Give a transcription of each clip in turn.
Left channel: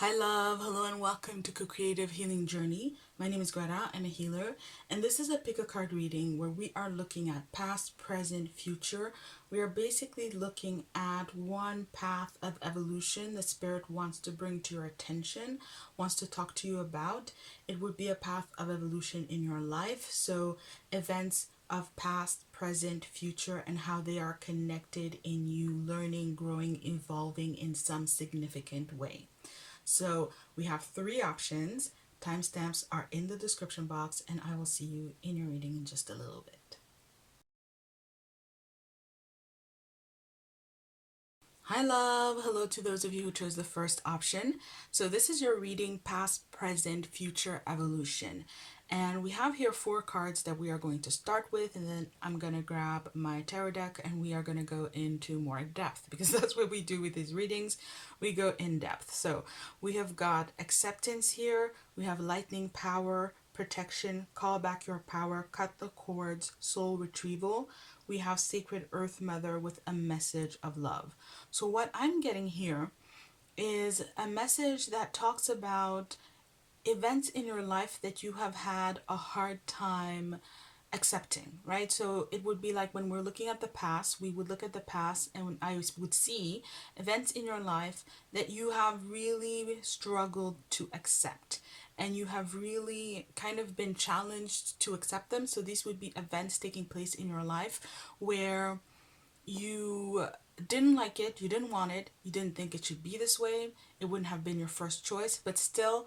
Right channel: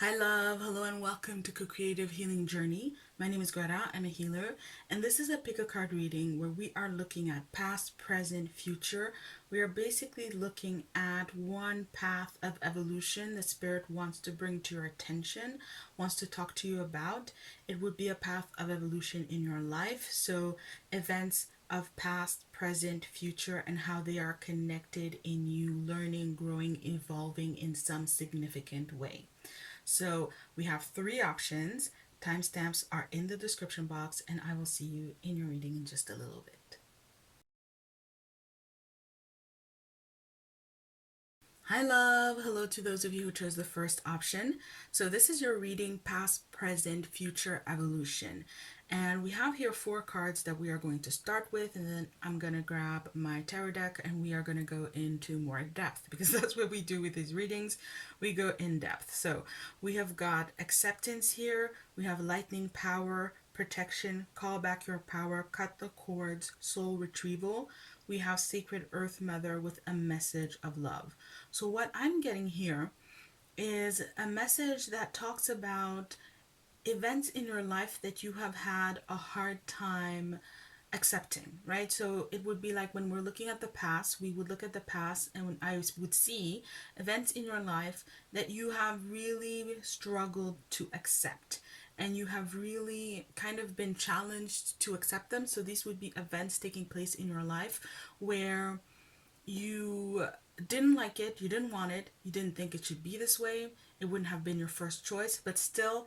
Hi love, hello and welcome to Co-Creative Healing Journey. My name is Greta, I'm a healer, and this is a pick a card reading where we are looking at past, present, future. We are basically looking at one path of evolution the spirit wants to bring to your attention, wants to talk to you about. It would be a path of evolution in your life, so events of past, present, future, and how they are connected in you learning, growing, evolving in some significant way. So we have three options. Timestamps are in the description box, and I will see you in your reading in just a little bit. Hi love, hello to those of you who chose the first option. So this is your reading past, present, future, evolution. And we have here four cards that we are going to start with, and then I'm going to grab my tarot deck and we are going to go into more depth because that's what we do with these readings. We go in depth. So we have got acceptance here, we have lightning power, protection, call back your power, cut the cords, soul retrieval. We have sacred earth mother with a message of love. So what I'm getting here is a message that talks about events in your life that you have had a hard time accepting, right? So it would be like when we're looking at the past, we would look at the past and I would see events in your life that you have really struggled to accept and you have really kind of been challenged to accept them. So these would be events taking place in your life where you didn't like it, you didn't want it, you didn't think it should be this way, it wouldn't have been your first choice, but still,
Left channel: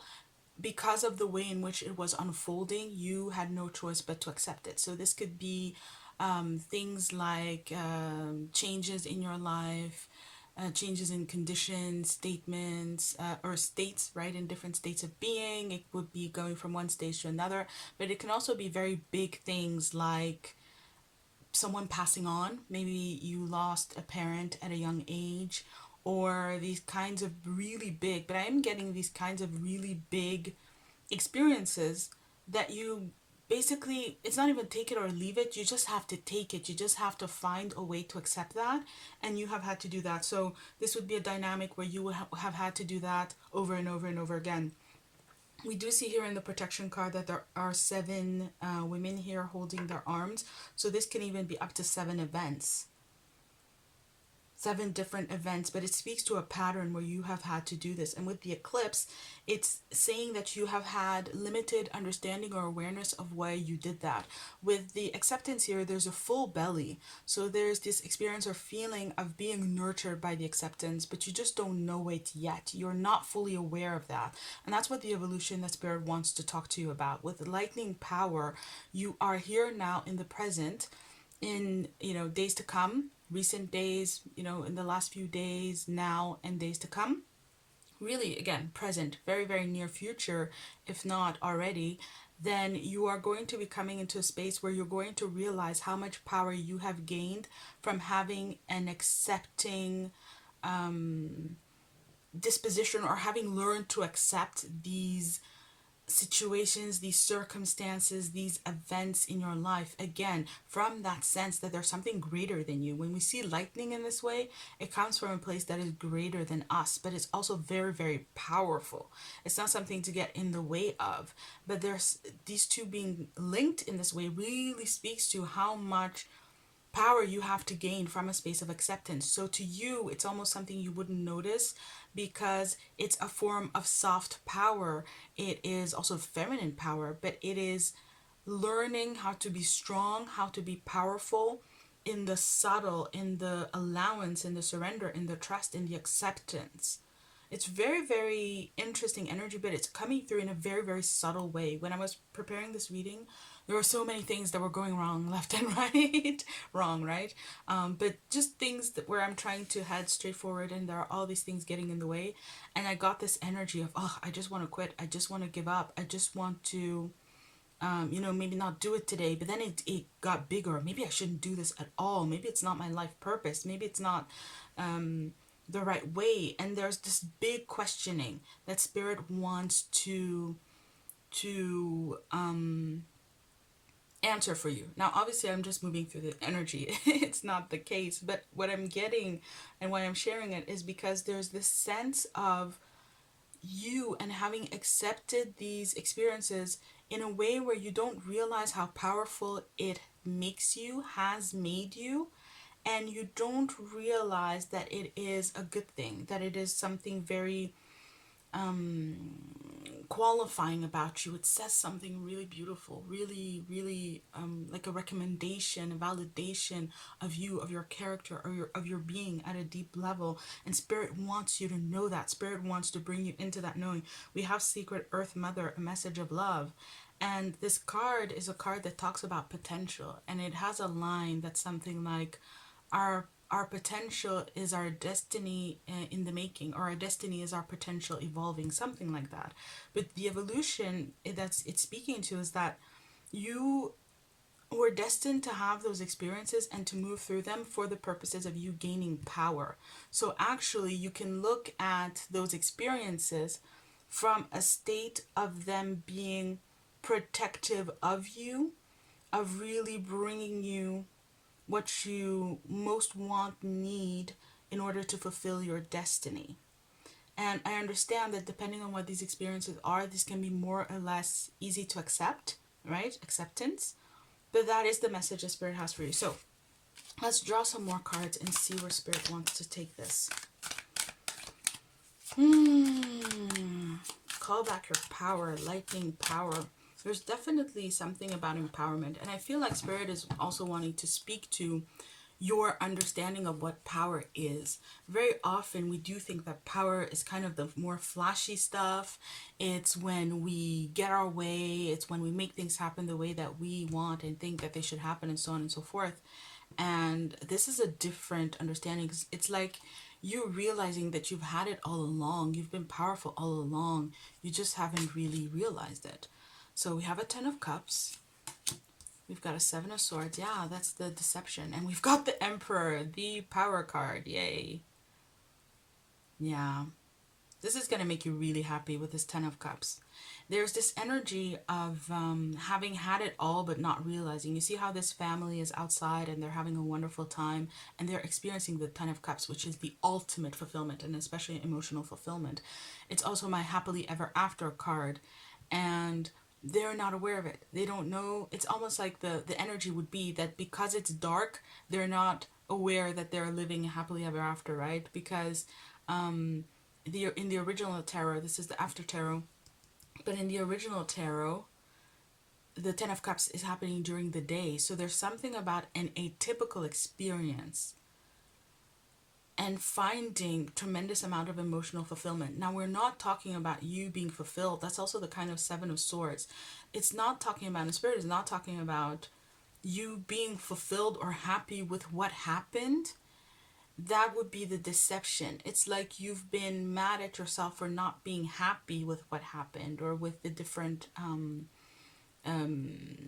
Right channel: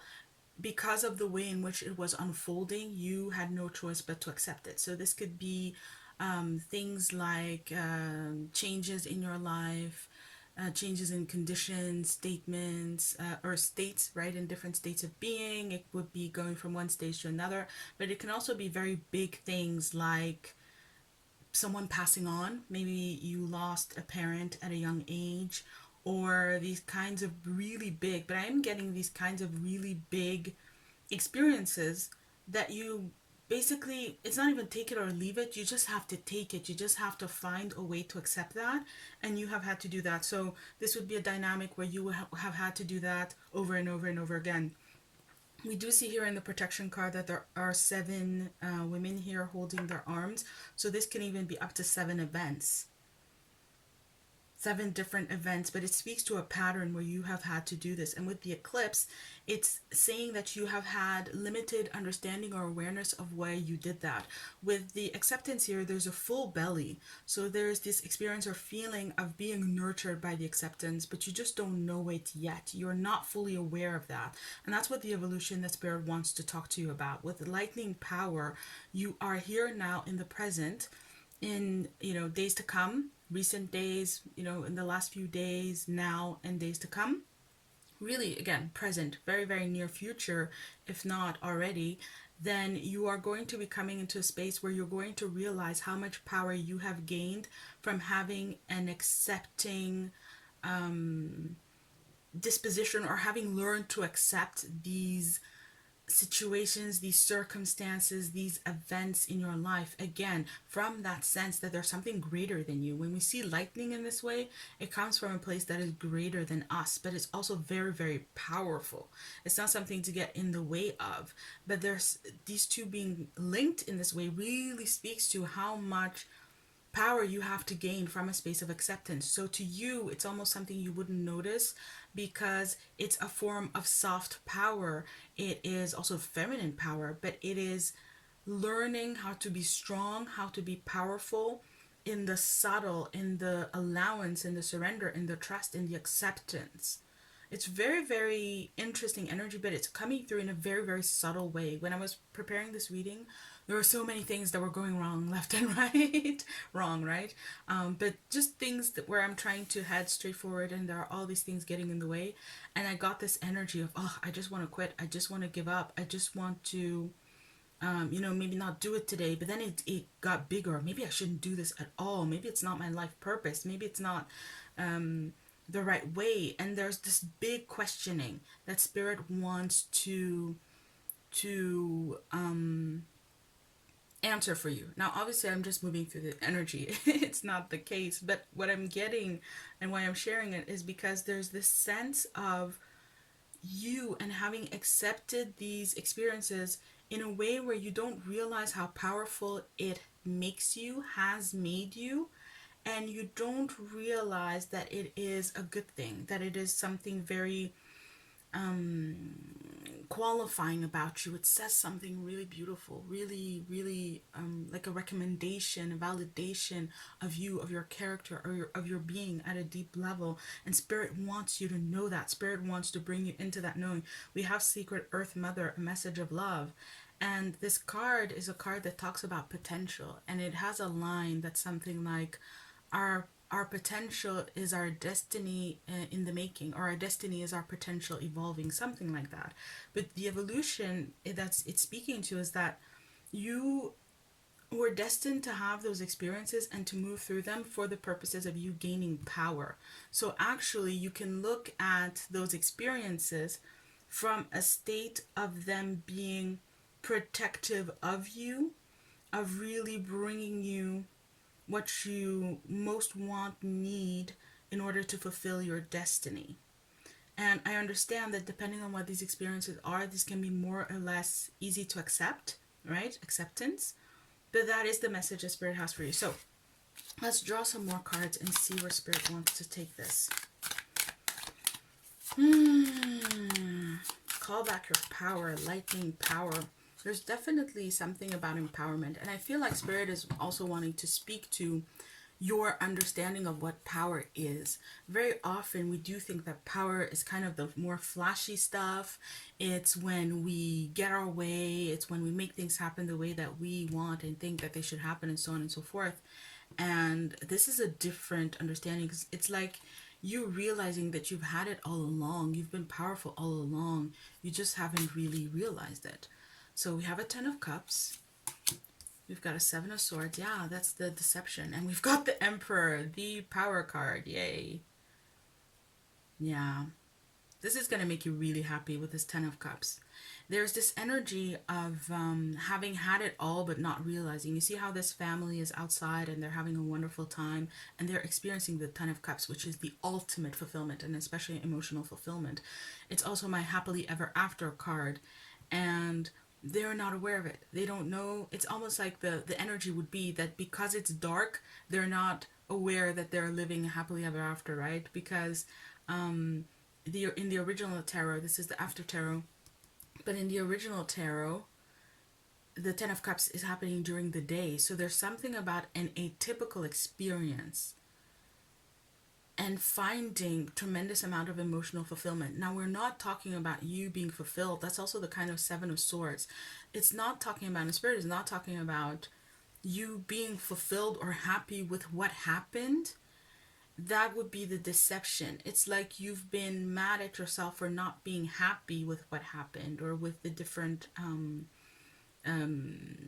because of the way in which it was unfolding, you had no choice but to accept it. So this could be things like changes in your life, changes in conditions, statements, or states, right, in different states of being. It would be going from one stage to another, but it can also be very big things like someone passing on. Maybe you lost a parent at a young age, or these kinds of really big, but I'm getting these kinds of really big experiences that you basically, it's not even take it or leave it, you just have to take it, you just have to find a way to accept that, and you have had to do that. So this would be a dynamic where you would have had to do that over and over and over again. We do see here in the protection card that there are seven women here holding their arms. So this can even be up to seven events, seven different events, but it speaks to a pattern where you have had to do this. And with the eclipse, it's saying that you have had limited understanding or awareness of why you did that. With the acceptance here, there's a full belly. So there's this experience or feeling of being nurtured by the acceptance, but you just don't know it yet. You're not fully aware of that. And that's what the evolution that spirit wants to talk to you about. With lightning power, you are here now in the present, in days to come, recent days, in the last few days, now, and days to come. Really, again, present, very, very near future, if not already. Then you are going to be coming into a space where you're going to realize how much power you have gained from having an accepting disposition, or having learned to accept these situations, these circumstances, these events in your life, again, from that sense that there's something greater than you. When we see lightning in this way, it comes from a place that is greater than us, but it's also very, very powerful. It's not something to get in the way of, but there's these two being linked in this way really speaks to how much power you have to gain from a space of acceptance. So to you, it's almost something you wouldn't notice because it's a form of soft power. It is also feminine power, but it is learning how to be strong, how to be powerful in the subtle, in the allowance, in the surrender, in the trust, in the acceptance. It's very, very interesting energy, but it's coming through in a very, very subtle way. When I was preparing this reading, there were so many things that were going wrong left and right. Wrong, right? But just things that where I'm trying to head straight forward and there are all these things getting in the way. And I got this energy of, oh, I just want to quit. I just want to give up. I just want to, maybe not do it today. But then it got bigger. Maybe I shouldn't do this at all. Maybe it's not my life purpose. Maybe it's not the right way. And there's this big questioning that spirit wants to answer for you. Now, obviously, I'm just moving through the energy. It's not the case. But what I'm getting and why I'm sharing it is because there's this sense of you and having accepted these experiences in a way where you don't realize how powerful it makes you, has made you, and you don't realize that it is a good thing, that it is something very qualifying about you. It says something really beautiful, really, really like a recommendation, a validation of you, of your character, or of your being at a deep level. And Spirit wants you to know that. Spirit wants to bring you into that knowing. We have Secret Earth Mother, a message of love. And this card is a card that talks about potential. And it has a line that's something like, our potential is our destiny in the making, or our destiny is our potential evolving, something like that. But the evolution that's it's speaking to is that you were destined to have those experiences and to move through them for the purposes of you gaining power. So actually you can look at those experiences from a state of them being protective of you, of really bringing you what you most want, need in order to fulfill your destiny. And I understand that depending on what these experiences are, these can be more or less easy to accept, right? Acceptance. But that is the message that Spirit has for you. So let's draw some more cards and see where Spirit wants to take this. Call back your power, lightning power. There's definitely something about empowerment. And I feel like Spirit is also wanting to speak to your understanding of what power is. Very often we do think that power is kind of the more flashy stuff. It's when we get our way. It's when we make things happen the way that we want and think that they should happen, and so on and so forth. And this is a different understanding, because it's like you realizing that you've had it all along. You've been powerful all along. You just haven't really realized it. So we have a 10 of Cups. We've got a 7 of Swords. Yeah, that's the deception. And we've got the Emperor, the power card. Yay. Yeah. This is going to make you really happy with this 10 of Cups. There's this energy of having had it all but not realizing. You see how this family is outside and they're having a wonderful time and they're experiencing the 10 of Cups, which is the ultimate fulfillment, and especially emotional fulfillment. It's also my happily ever after card. And they're not aware of it. They don't know. It's almost like the energy would be that because it's dark, they're not aware that they're living happily ever after, right? Because in the original tarot, this is the after tarot, but in the original tarot, the 10 of Cups is happening during the day. So there's something about an atypical experience and finding tremendous amount of emotional fulfillment. Now, we're not talking about you being fulfilled. That's also the kind of 7 of Swords. It's not talking about, the Spirit is not talking about you being fulfilled or happy with what happened. That would be the deception. It's like you've been mad at yourself for not being happy with what happened, or with the different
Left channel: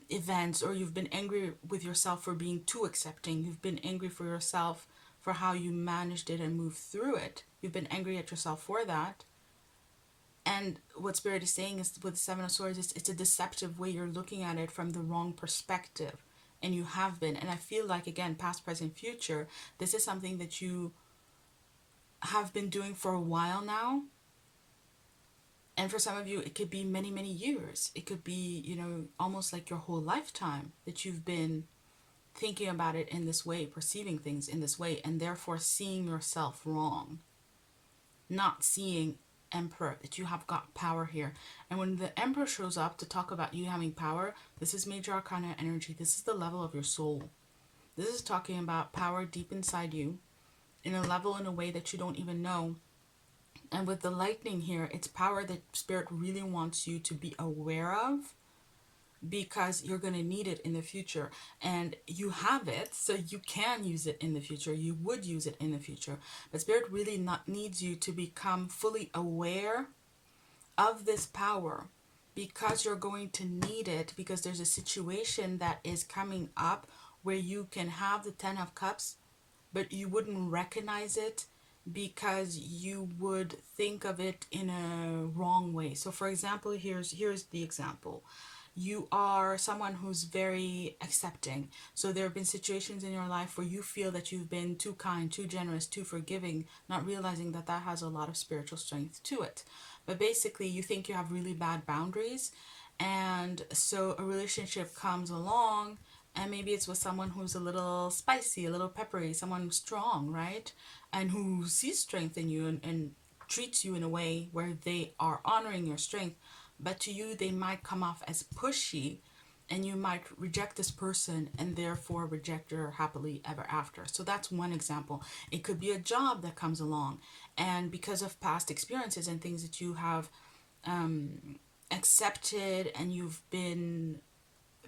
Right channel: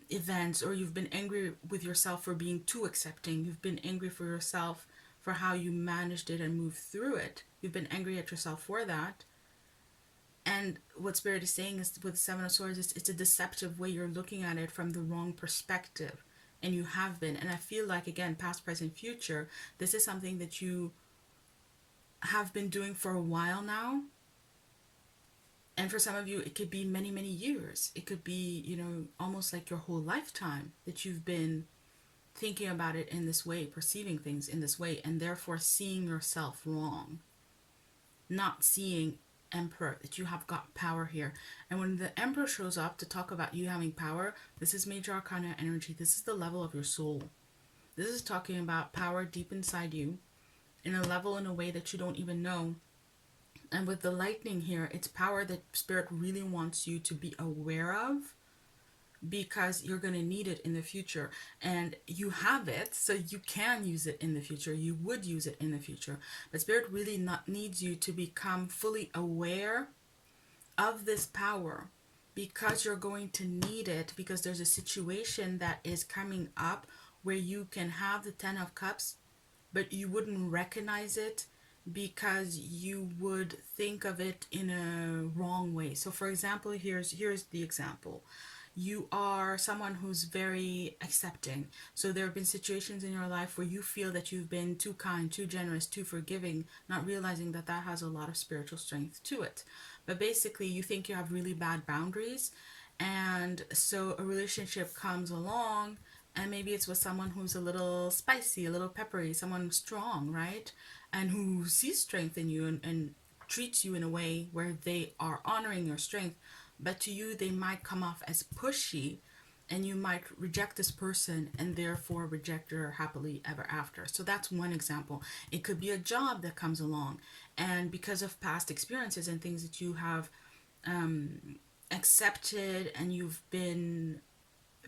events, or you've been angry with yourself for being too accepting. You've been angry for yourself for how you managed it and moved through it. You've been angry at yourself for that. And what Spirit is saying is, with 7 of Swords, it's a deceptive way. You're looking at it from the wrong perspective. And you have been. And I feel like, again, past, present, future, this is something that you have been doing for a while now. And for some of you, it could be many, many years. It could be, almost like your whole lifetime that you've been thinking about it in this way, perceiving things in this way, and therefore seeing yourself wrong. Not seeing, Emperor, that you have got power here. And when the Emperor shows up to talk about you having power, this is Major Arcana energy. This is the level of your soul. This is talking about power deep inside you, in a level, in a way that you don't even know. And with the lightning here, it's power that Spirit really wants you to be aware of, because you're going to need it in the future. And you have it, so you can use it in the future. You would use it in the future. But Spirit really needs you to become fully aware of this power, because you're going to need it, because there's a situation that is coming up where you can have the 10 of Cups, but you wouldn't recognize it, because you would think of it in a wrong way. So for example, here's the example. You are someone who's very accepting. So there have been situations in your life where you feel that you've been too kind, too generous, too forgiving, not realizing that that has a lot of spiritual strength to it. but basically you think you have really bad boundaries. And so a relationship comes along, and maybe it's with someone who's a little spicy, a little peppery, someone strong, right? And who sees strength in you, and treats you in a way where they are honoring your strength. But to you, they might come off as pushy, and you might reject this person and therefore reject your happily ever after. So that's one example. It could be a job that comes along, and because of past experiences and things that you have accepted and you've been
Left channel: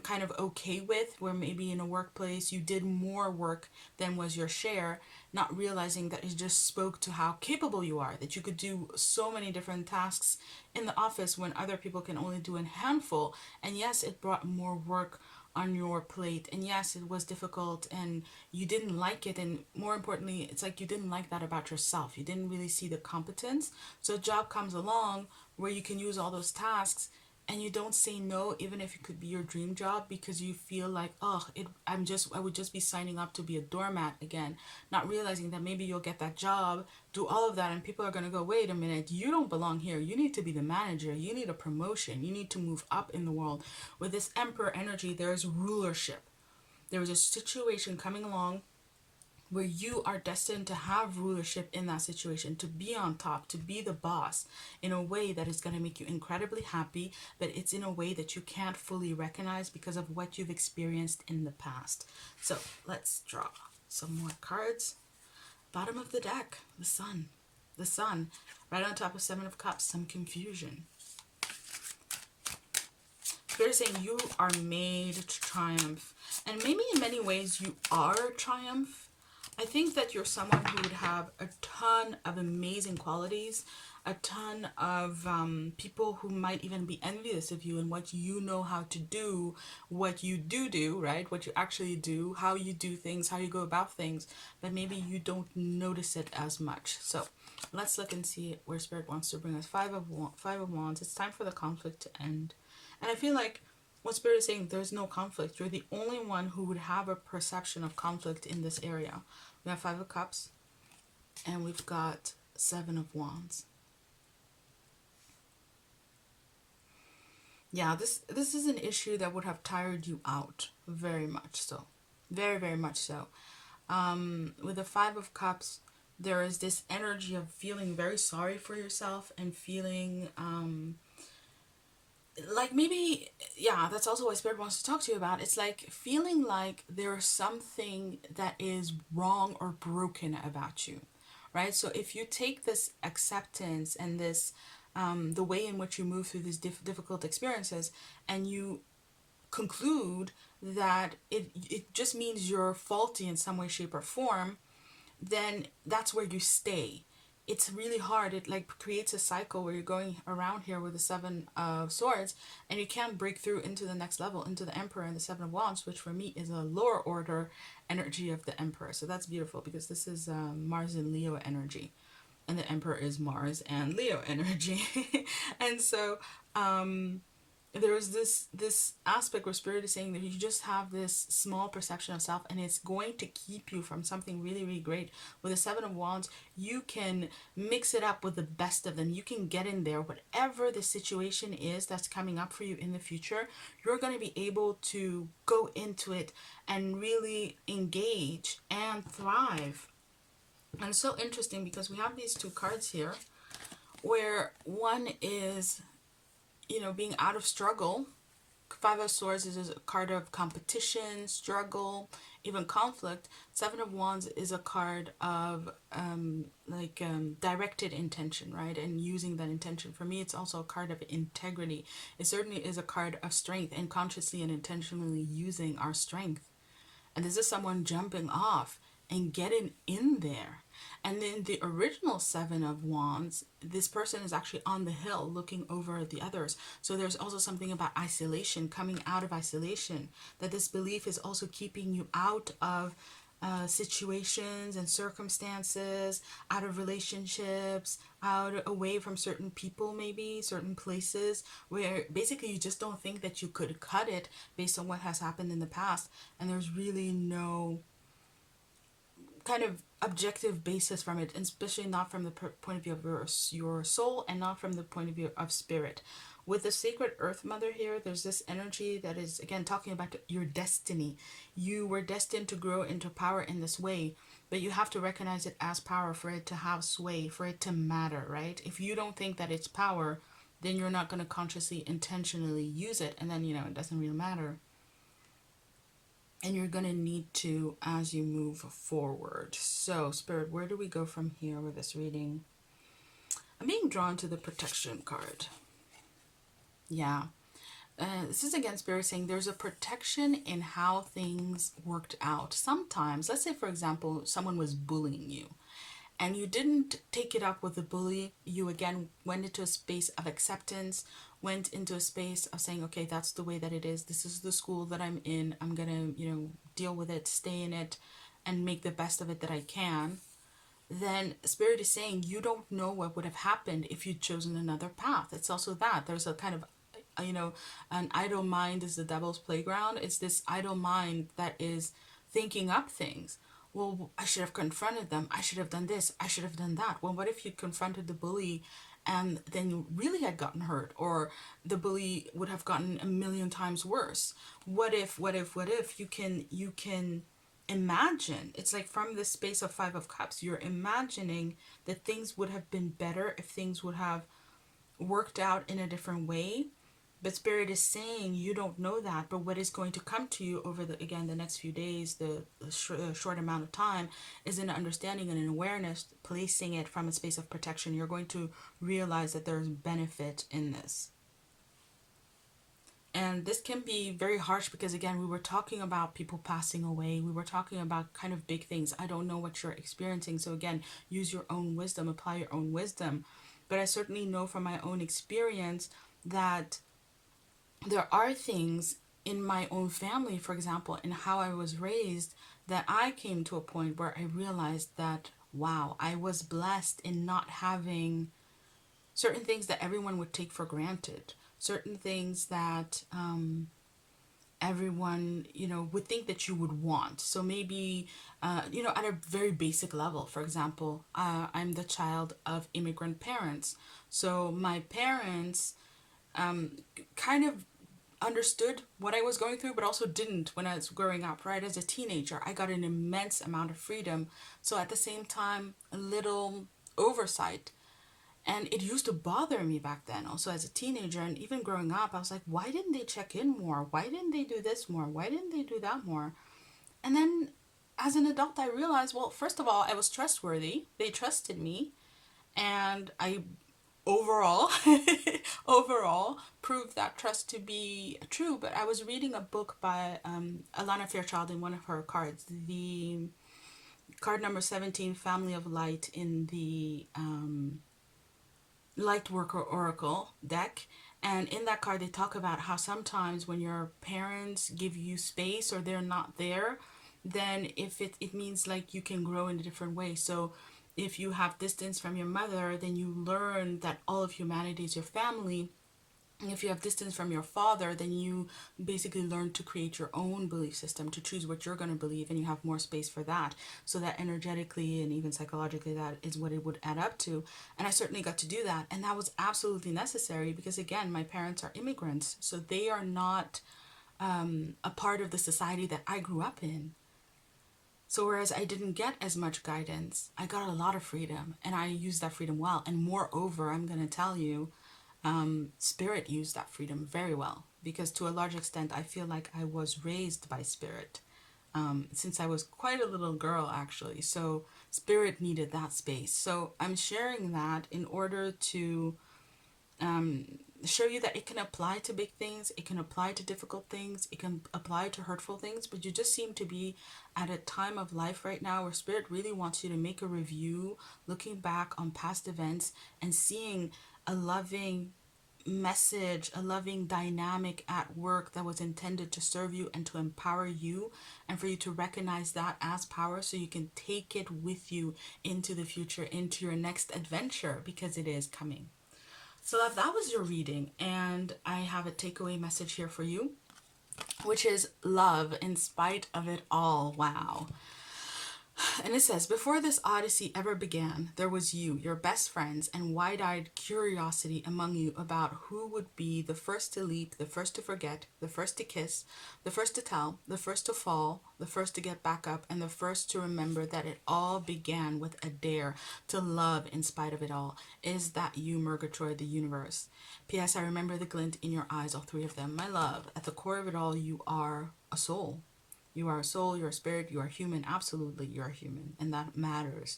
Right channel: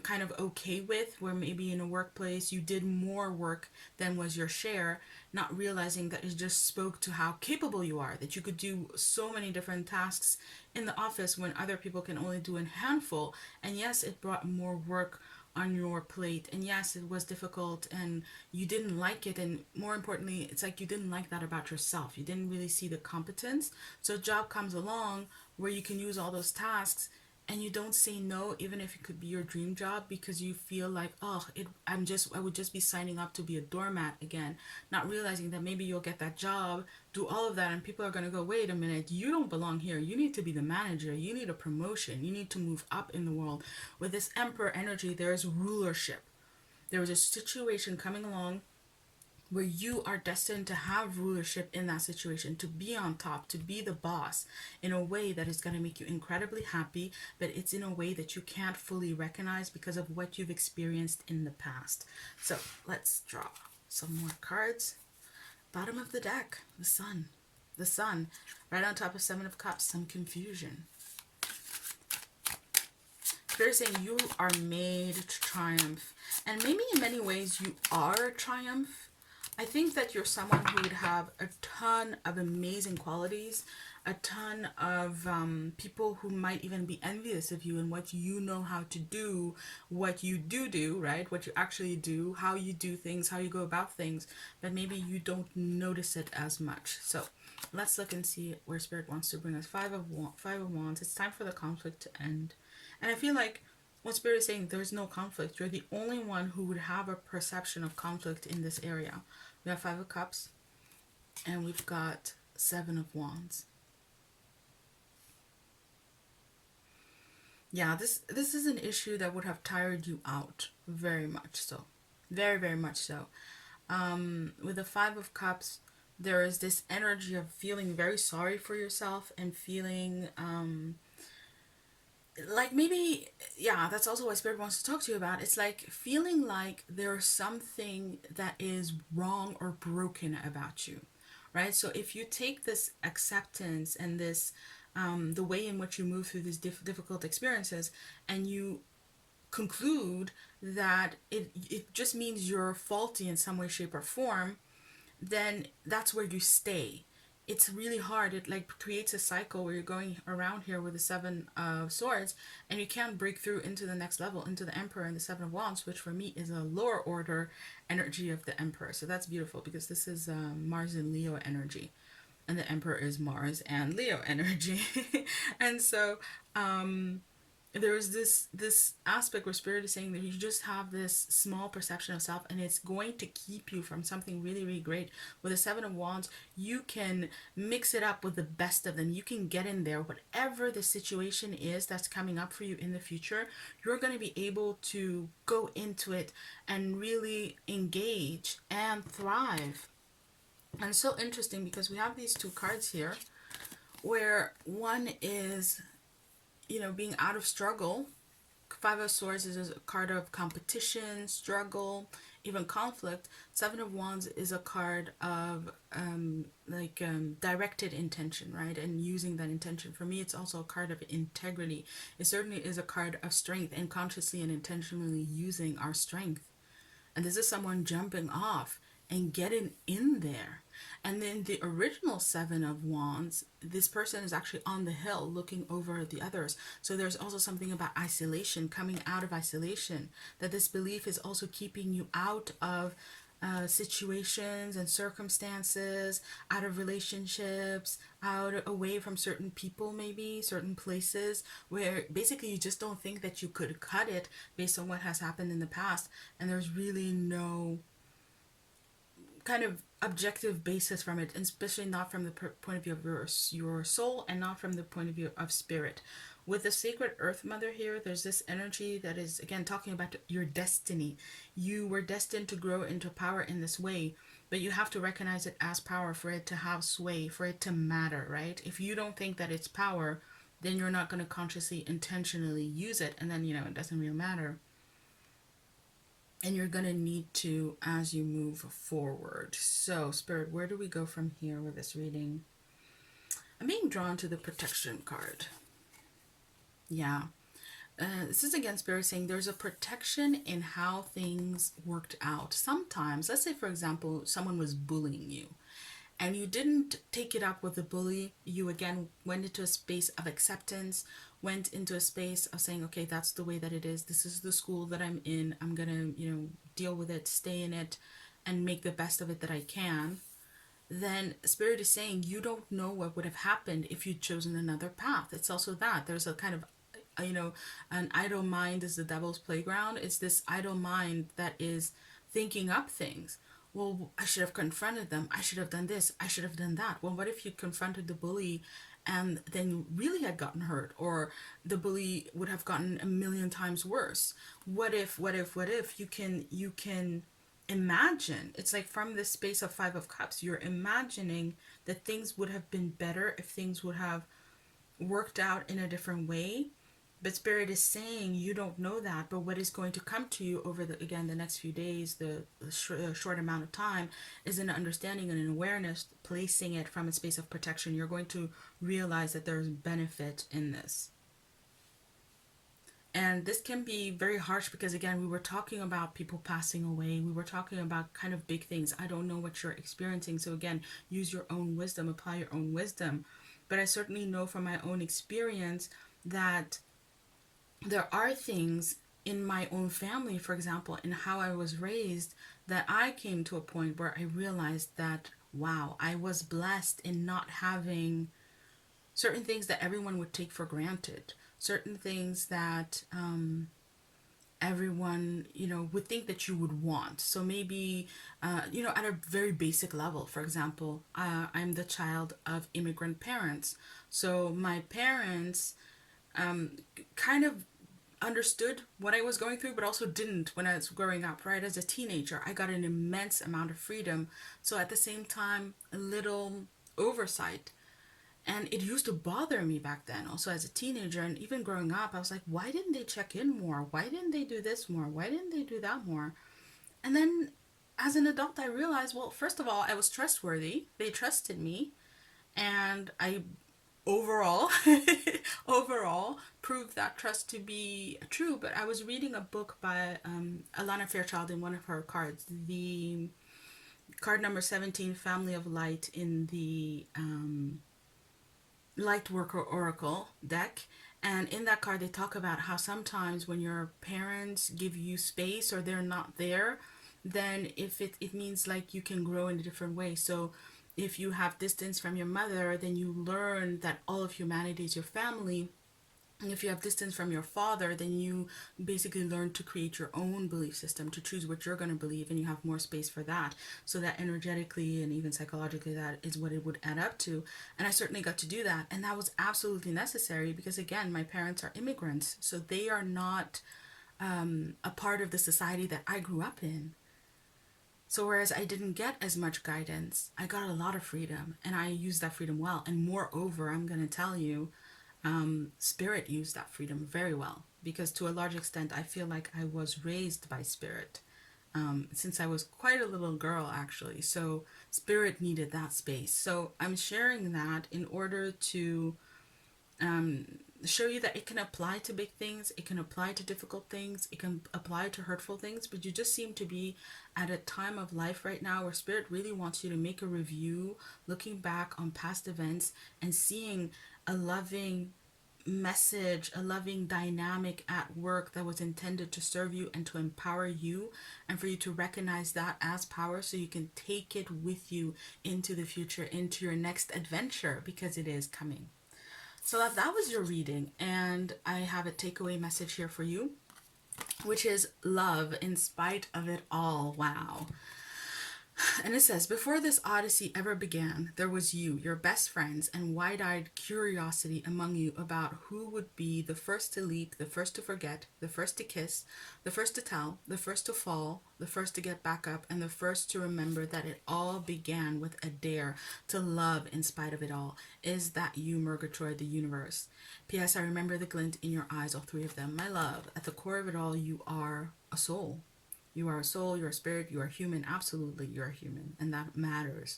kind of okay with, where maybe in a workplace you did more work than was your share, not realizing that it just spoke to how capable you are, that you could do so many different tasks in the office when other people can only do a handful. And yes, it brought more work on your plate, and yes, it was difficult and you didn't like it, and more importantly, it's like you didn't like that about yourself. You didn't really see the competence. So a job comes along where you can use all those tasks, and you don't say no, even if it could be your dream job, because you feel like, oh, I would just be signing up to be a doormat again, not realizing that maybe you'll get that job, do all of that, and people are going to go, wait a minute, you don't belong here. You need to be the manager. You need a promotion. You need to move up in the world. With this emperor energy, there is rulership. There is a situation coming along where you are destined to have rulership in that situation, to be on top, to be the boss in a way that is going to make you incredibly happy, but it's in a way that you can't fully recognize because of what you've experienced in the past. So let's draw some more cards. Bottom of the deck, the sun. The sun, right on top of Seven of Cups, some confusion. They're saying you are made to triumph. And maybe in many ways you are triumph. I think that you're someone who would have a ton of amazing qualities, a ton of people who might even be envious of you and what you know how to do, what you do, right? What you actually do, how you do things, how you go about things, but maybe you don't notice it as much. So let's look and see where Spirit wants to bring us. Five of Wands. It's time for the conflict to end. And I feel like what Spirit is saying, there's no conflict. You're the only one who would have a perception of conflict in this area. We have Five of Cups, and we've got Seven of Wands. Yeah, this is an issue that would have tired you out very much so. Very, very much so. With the Five of Cups, there is this energy of feeling very sorry for yourself and feeling like maybe, yeah, that's also what Spirit wants to talk to you about. It's like feeling like there's something that is wrong or broken about you, right? So if you take this acceptance and this, the way in which you move through these difficult experiences, and you conclude that it just means you're faulty in some way, shape, or form, then that's where you stay. It's really hard. It like creates a cycle where you're going around here with the Seven of Swords, and you can't break through into the next level, into the Emperor and the Seven of Wands, which for me is a lower order energy of the Emperor. So that's beautiful because this is Mars and Leo energy, and the Emperor is Mars and Leo energy. And so there is this aspect where Spirit is saying that you just have this small perception of self, and it's going to keep you from something really, really great. With the Seven of Wands, you can mix it up with the best of them. You can get in there. Whatever the situation is that's coming up for you in the future, you're going to be able to go into it and really engage and thrive. And it's so interesting because we have these two cards here where one is, you know, being out of struggle. Five of Swords is a card of competition, struggle, even conflict. Seven of Wands is a card of directed intention, right? And using that intention. For me, it's also a card of integrity. It certainly is a card of strength and consciously and intentionally using our strength. And this is someone jumping off and getting in there. And then the original Seven of Wands, this person is actually on the hill looking over the others. So there's also something about isolation, coming out of isolation, that this belief is also keeping you out of situations and circumstances, out of relationships, away from certain people, maybe certain places where basically you just don't think that you could cut it based on what has happened in the past. And there's really no kind of objective basis from it, and especially not from the point of view of your soul, and not from the point of view of spirit. With the sacred earth mother here, there's this energy that is, again, talking about your destiny. You were destined to grow into power in this way, but you have to recognize it as power for it to have sway, for it to matter, right? If you don't think that it's power, then you're not going to consciously, intentionally use it, and then, it doesn't really matter. And you're going to need to as you move forward. So, Spirit, where do we go from here with this reading? I'm being drawn to the protection card. Yeah. This is again Spirit saying there's a protection in how things worked out. Sometimes, let's say for example, someone was bullying you and you didn't take it up with the bully. You again went into a space of acceptance, went into a space of saying, okay, that's the way that it is. This is the school that I'm in. I'm going to, deal with it, stay in it, and make the best of it that I can. Then Spirit is saying you don't know what would have happened if you'd chosen another path. It's also that there's a kind of an idle mind is the devil's playground. It's this idle mind that is thinking up things. Well, I should have confronted them. I should have done this. I should have done that. Well, what if you confronted the bully and then you really had gotten hurt, or the bully would have gotten a million times worse? What if you can imagine? It's like from this space of Five of Cups, you're imagining that things would have been better if things would have worked out in a different way. But Spirit is saying you don't know that, but what is going to come to you over the next few days, the short amount of time, is an understanding and an awareness, placing it from a space of protection. You're going to realize that there's benefit in this. And this can be very harsh because, again, we were talking about people passing away. We were talking about kind of big things. I don't know what you're experiencing. So, again, use your own wisdom, apply your own wisdom. But I certainly know from my own experience that there are things in my own family, for example, in how I was raised, that I came to a point where I realized that, wow, I was blessed in not having certain things that everyone would take for granted, certain things that everyone, would think that you would want. So maybe, at a very basic level, for example, I'm the child of immigrant parents. So my parents kind of understood what I was going through, but also didn't when I was growing up, right? As a teenager, I got an immense amount of freedom. So at the same time, a little oversight. And it used to bother me back then, also as a teenager, and even growing up, I was like, why didn't they check in more? Why didn't they do this more? Why didn't they do that more? And then as an adult, I realized, well, first of all, I was trustworthy. They trusted me. And I overall proved that trust to be true. But I was reading a book by Alana Fairchild in one of her cards, the card number 17, Family of Light, in the Light Worker Oracle deck. And in that card, they talk about how sometimes when your parents give you space or they're not there, then if it means like you can grow in a different way. So if you have distance from your mother, then you learn that all of humanity is your family. And if you have distance from your father, then you basically learn to create your own belief system, to choose what you're going to believe, and you have more space for that. So that energetically and even psychologically, that is what it would add up to. And I certainly got to do that. And that was absolutely necessary because, again, my parents are immigrants. So they are not a part of the society that I grew up in. So whereas I didn't get as much guidance, I got a lot of freedom, and I used that freedom well. And moreover, I'm going to tell you, Spirit used that freedom very well, because to a large extent, I feel like I was raised by Spirit since I was quite a little girl, actually. So Spirit needed that space. So I'm sharing that in order to show you that it can apply to big things, it can apply to difficult things, it can apply to hurtful things, but you just seem to be at a time of life right now where Spirit really wants you to make a review, looking back on past events and seeing a loving message, a loving dynamic at work that was intended to serve you and to empower you, and for you to recognize that as power so you can take it with you into the future, into your next adventure, because it is coming. So that was your reading, and I have a takeaway message here for you, which is love in spite of it all. Wow. And it says, before this odyssey ever began, there was you, your best friends, and wide-eyed curiosity among you about who would be the first to leap, the first to forget, the first to kiss, the first to tell, the first to fall, the first to get back up, and the first to remember that it all began with a dare to love in spite of it all. Is that you, Murgatroyd, the universe? P.S. I remember the glint in your eyes, all three of them. My love, at the core of it all, you are a soul. You are a soul, you're a spirit, you are human. Absolutely, you're human, and that matters.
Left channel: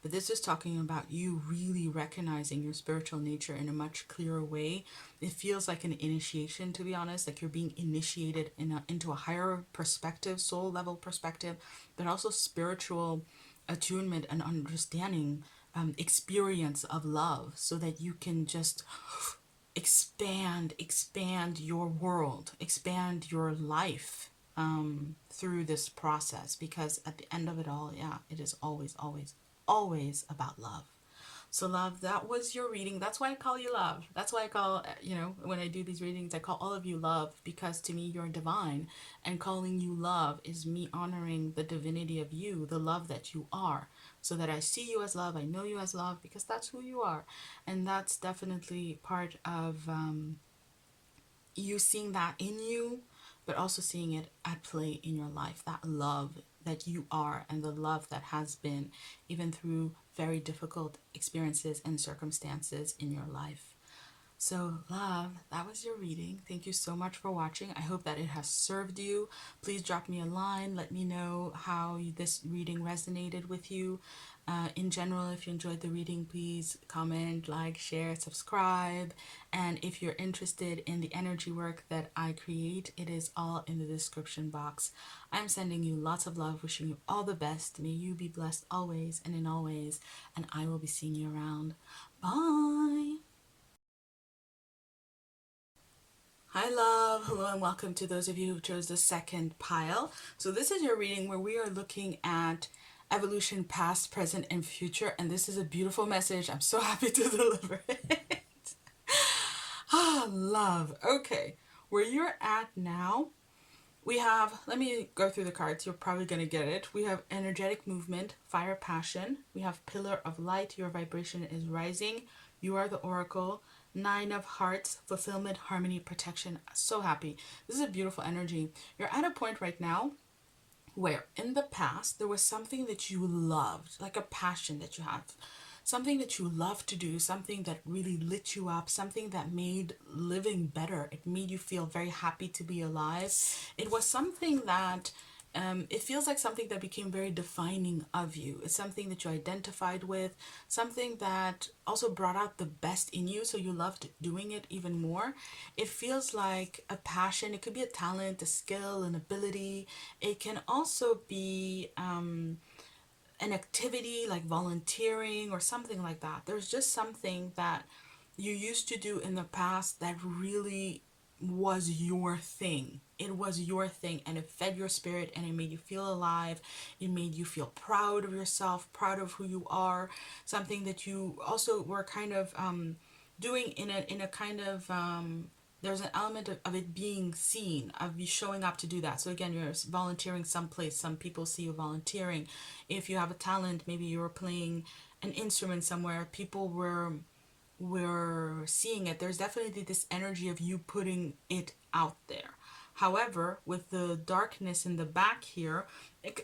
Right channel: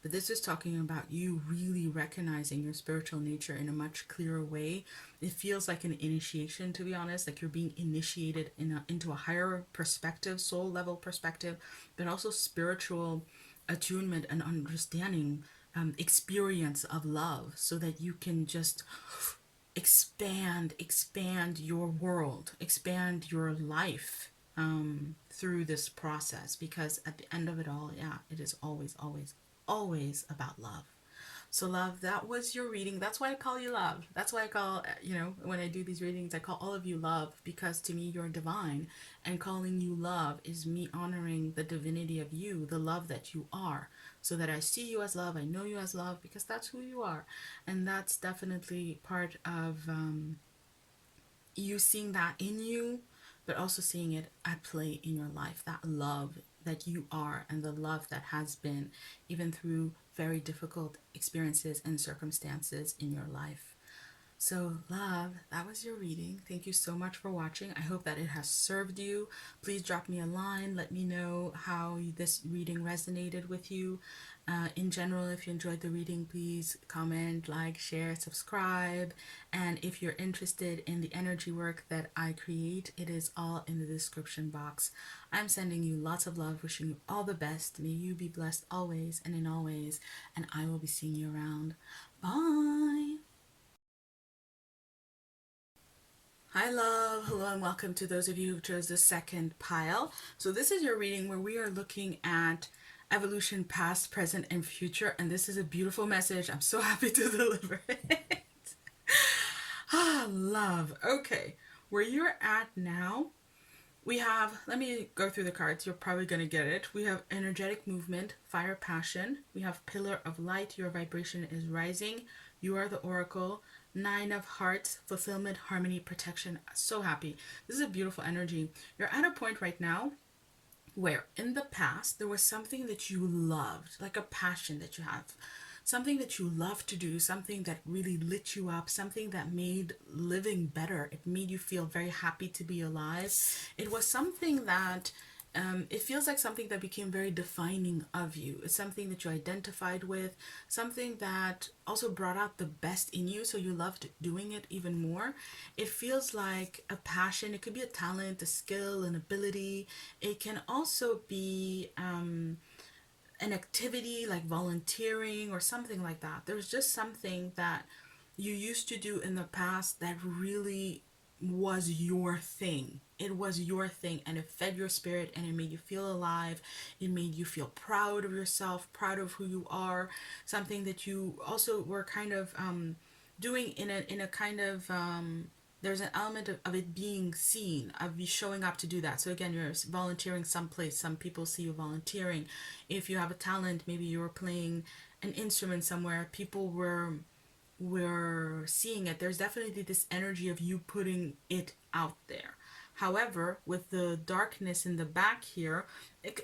But this is talking about you really recognizing your spiritual nature in a much clearer way. It feels like an initiation, to be honest, like you're being initiated into a higher perspective, soul level perspective, but also spiritual attunement and understanding, experience of love, so that you can just expand your world, expand your life through this process, because at the end of it all, yeah, it is always about love. So love, that was your reading. That's why I call you love. That's why I call, when I do these readings, I call all of you love, because to me you're divine, and calling you love is me honoring the divinity of you, the love that you are, so that I see you as love, I know you as love, because that's who you are. And that's definitely part of you seeing that in you, but also seeing it at play in your life, that love that you are, and the love that has been, even through very difficult experiences and circumstances in your life. So love, that was your reading. Thank you so much for watching. I hope that it has served you. Please drop me a line. Let me know how this reading resonated with you. In general, if you enjoyed the reading, please comment, like, share, subscribe. And if you're interested in the energy work that I create, it is all in the description box. I'm sending you lots of love, wishing you all the best. May you be blessed always and in all ways. And I will be seeing you around. Bye. Hi love, hello and welcome to those of you who chose the second pile. So this is your reading where we are looking at evolution, past, present, and future, and this is a beautiful message. I'm so happy to deliver it. Love. Okay, where you're at now, we have, let me go through the cards, you're probably going to get it. We have energetic movement, fire, passion. We have pillar of light, your vibration is rising. You are the oracle. Nine of hearts, fulfillment, harmony, protection. So happy. This is a beautiful energy. You're at a point right now where in the past there was something that you loved, like a passion that you have, something that you love to do, something that really lit you up, something that made living better. It made you feel very happy to be alive. It was something that it feels like something that became very defining of you. It's something that you identified with, something that also brought out the best in you, so you loved doing it even more. It feels like a passion. It could be a talent, a skill, an ability. It can also be an activity like volunteering or something like that. There's just something that you used to do in the past that really was your thing. It was your thing, and it fed your spirit, and it made you feel alive. It made you feel proud of yourself, proud of who you are. Something that you also were kind of doing in a kind of there's an element of it being seen, of you showing up to do that. So again, you're volunteering someplace. Some people see you volunteering. If you have a talent, maybe you were playing an instrument somewhere, people were seeing it. There's definitely this energy of you putting it out there. However, with the darkness in the back here,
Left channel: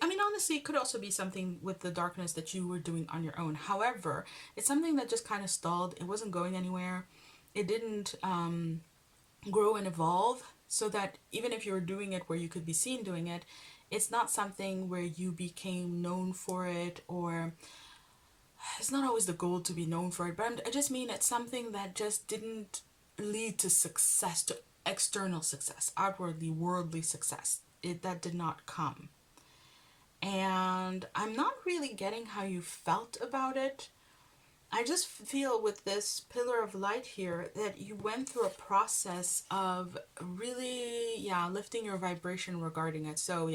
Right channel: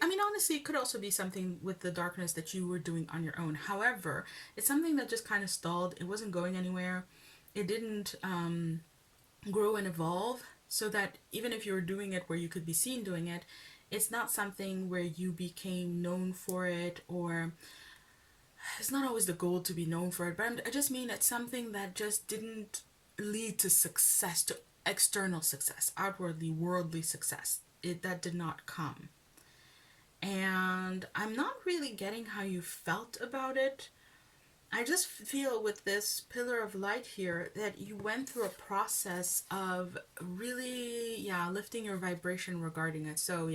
honestly, it could also be something with the darkness that you were doing on your own. However, it's something that just kind of stalled. It wasn't going anywhere. It didn't grow and evolve, so that even if you were doing it where you could be seen doing it, it's not something where you became known for it, or it's not always the goal to be known for it, but I just mean it's something that just didn't lead to success, to external success, outwardly worldly success. That did not come. And I'm not really getting how you felt about it. I just feel with this pillar of light here that you went through a process of really, lifting your vibration regarding it. So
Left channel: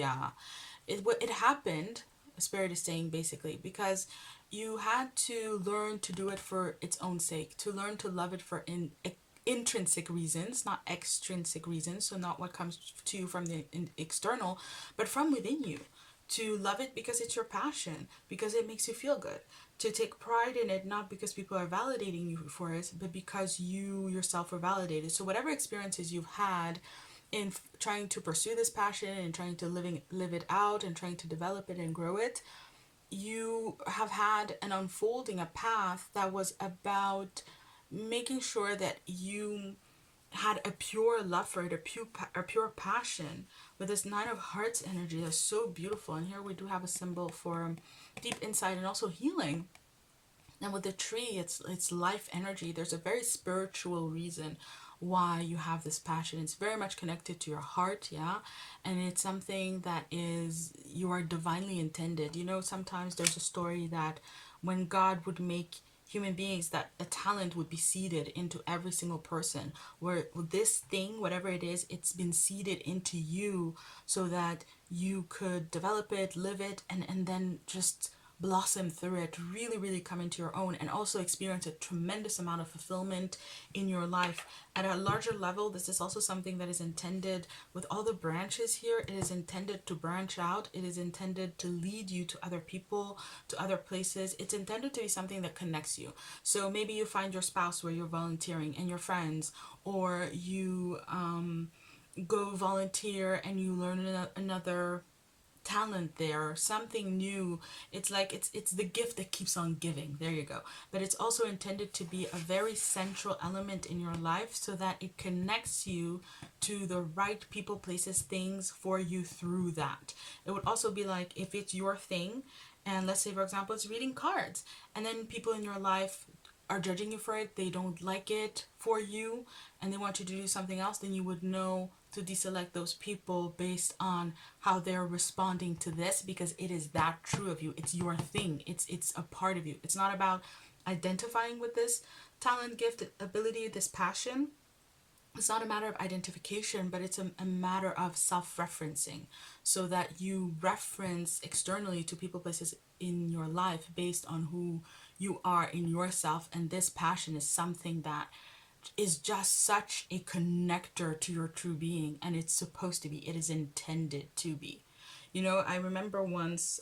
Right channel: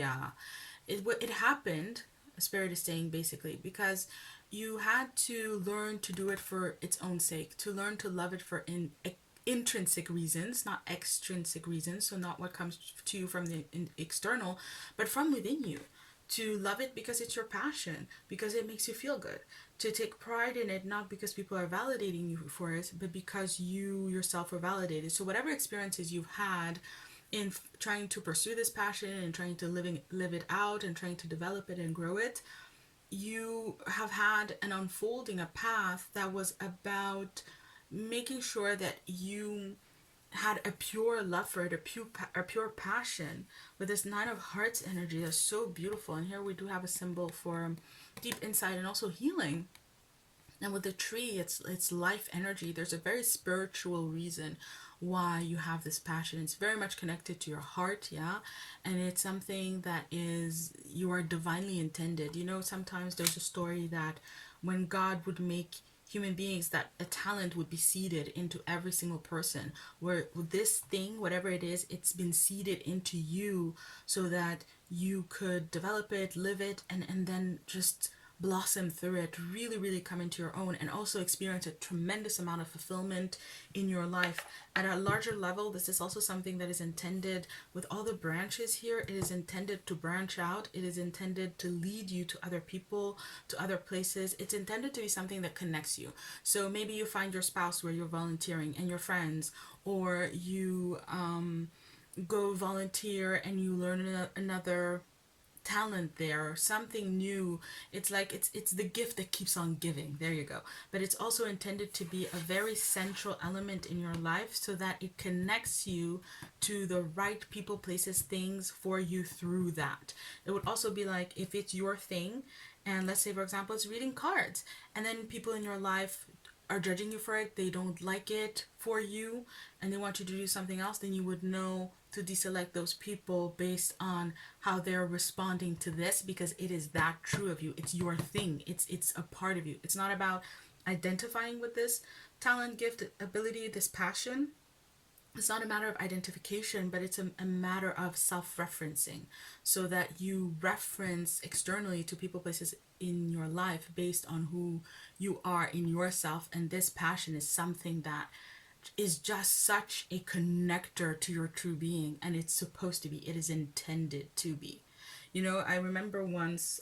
it happened, Spirit is saying, basically, because you had to learn to do it for its own sake, to learn to love it for intrinsic reasons, not extrinsic reasons. So not what comes to you from the external, but from within you. to love it because it's your passion, because it makes you feel good, to take pride in it, not because people are validating you for it, but because you yourself are validated. So whatever experiences you've had in trying to pursue this passion and trying to live it out and trying to develop it and grow it, you have had an unfolding, a path that was about making sure that you had a pure love for it, a pure passion. With this Nine of Hearts energy, that's so beautiful. And here we do have a symbol for deep insight and also healing. And with the tree, it's life energy. There's a very spiritual reason why you have this passion. It's very much connected to your heart, yeah? And it's something that is, you are divinely intended. You know, sometimes there's a story that when God would make human beings, that a talent would be seeded into every single person, where this thing, whatever it is, it's been seeded into you so that you could develop it, live it, and then just blossom through it, really, really come into your own, and also experience a tremendous amount of fulfillment in your life. At a larger level, this is also something that is intended with all the branches here. It is intended to branch out. It is intended to lead you to other people, to other places. It's intended to be something that connects you. So maybe you find your spouse where you're volunteering and your friends, or you go volunteer and you learn another talent there, or something new. It's like it's the gift that keeps on giving. There you go. But it's also intended to be a very central element in your life so that it connects you to the right people, places, things for you through that. It would also be like if it's your thing, and let's say for example it's reading cards, and then people in your life are judging you for it, they don't like it for you, and they want you to do something else, then you would know to deselect those people based on how they're responding to this, because it is that true of you. It's your thing. It's a part of you. It's not about identifying with this talent, gift, ability, this passion. It's not a matter of identification, but it's a matter of self-referencing, so that you reference externally to people, places in your life based on who you are in yourself. And this passion is something that is just such a connector to your true being, and it's supposed to be. It is intended to be. You know, I remember once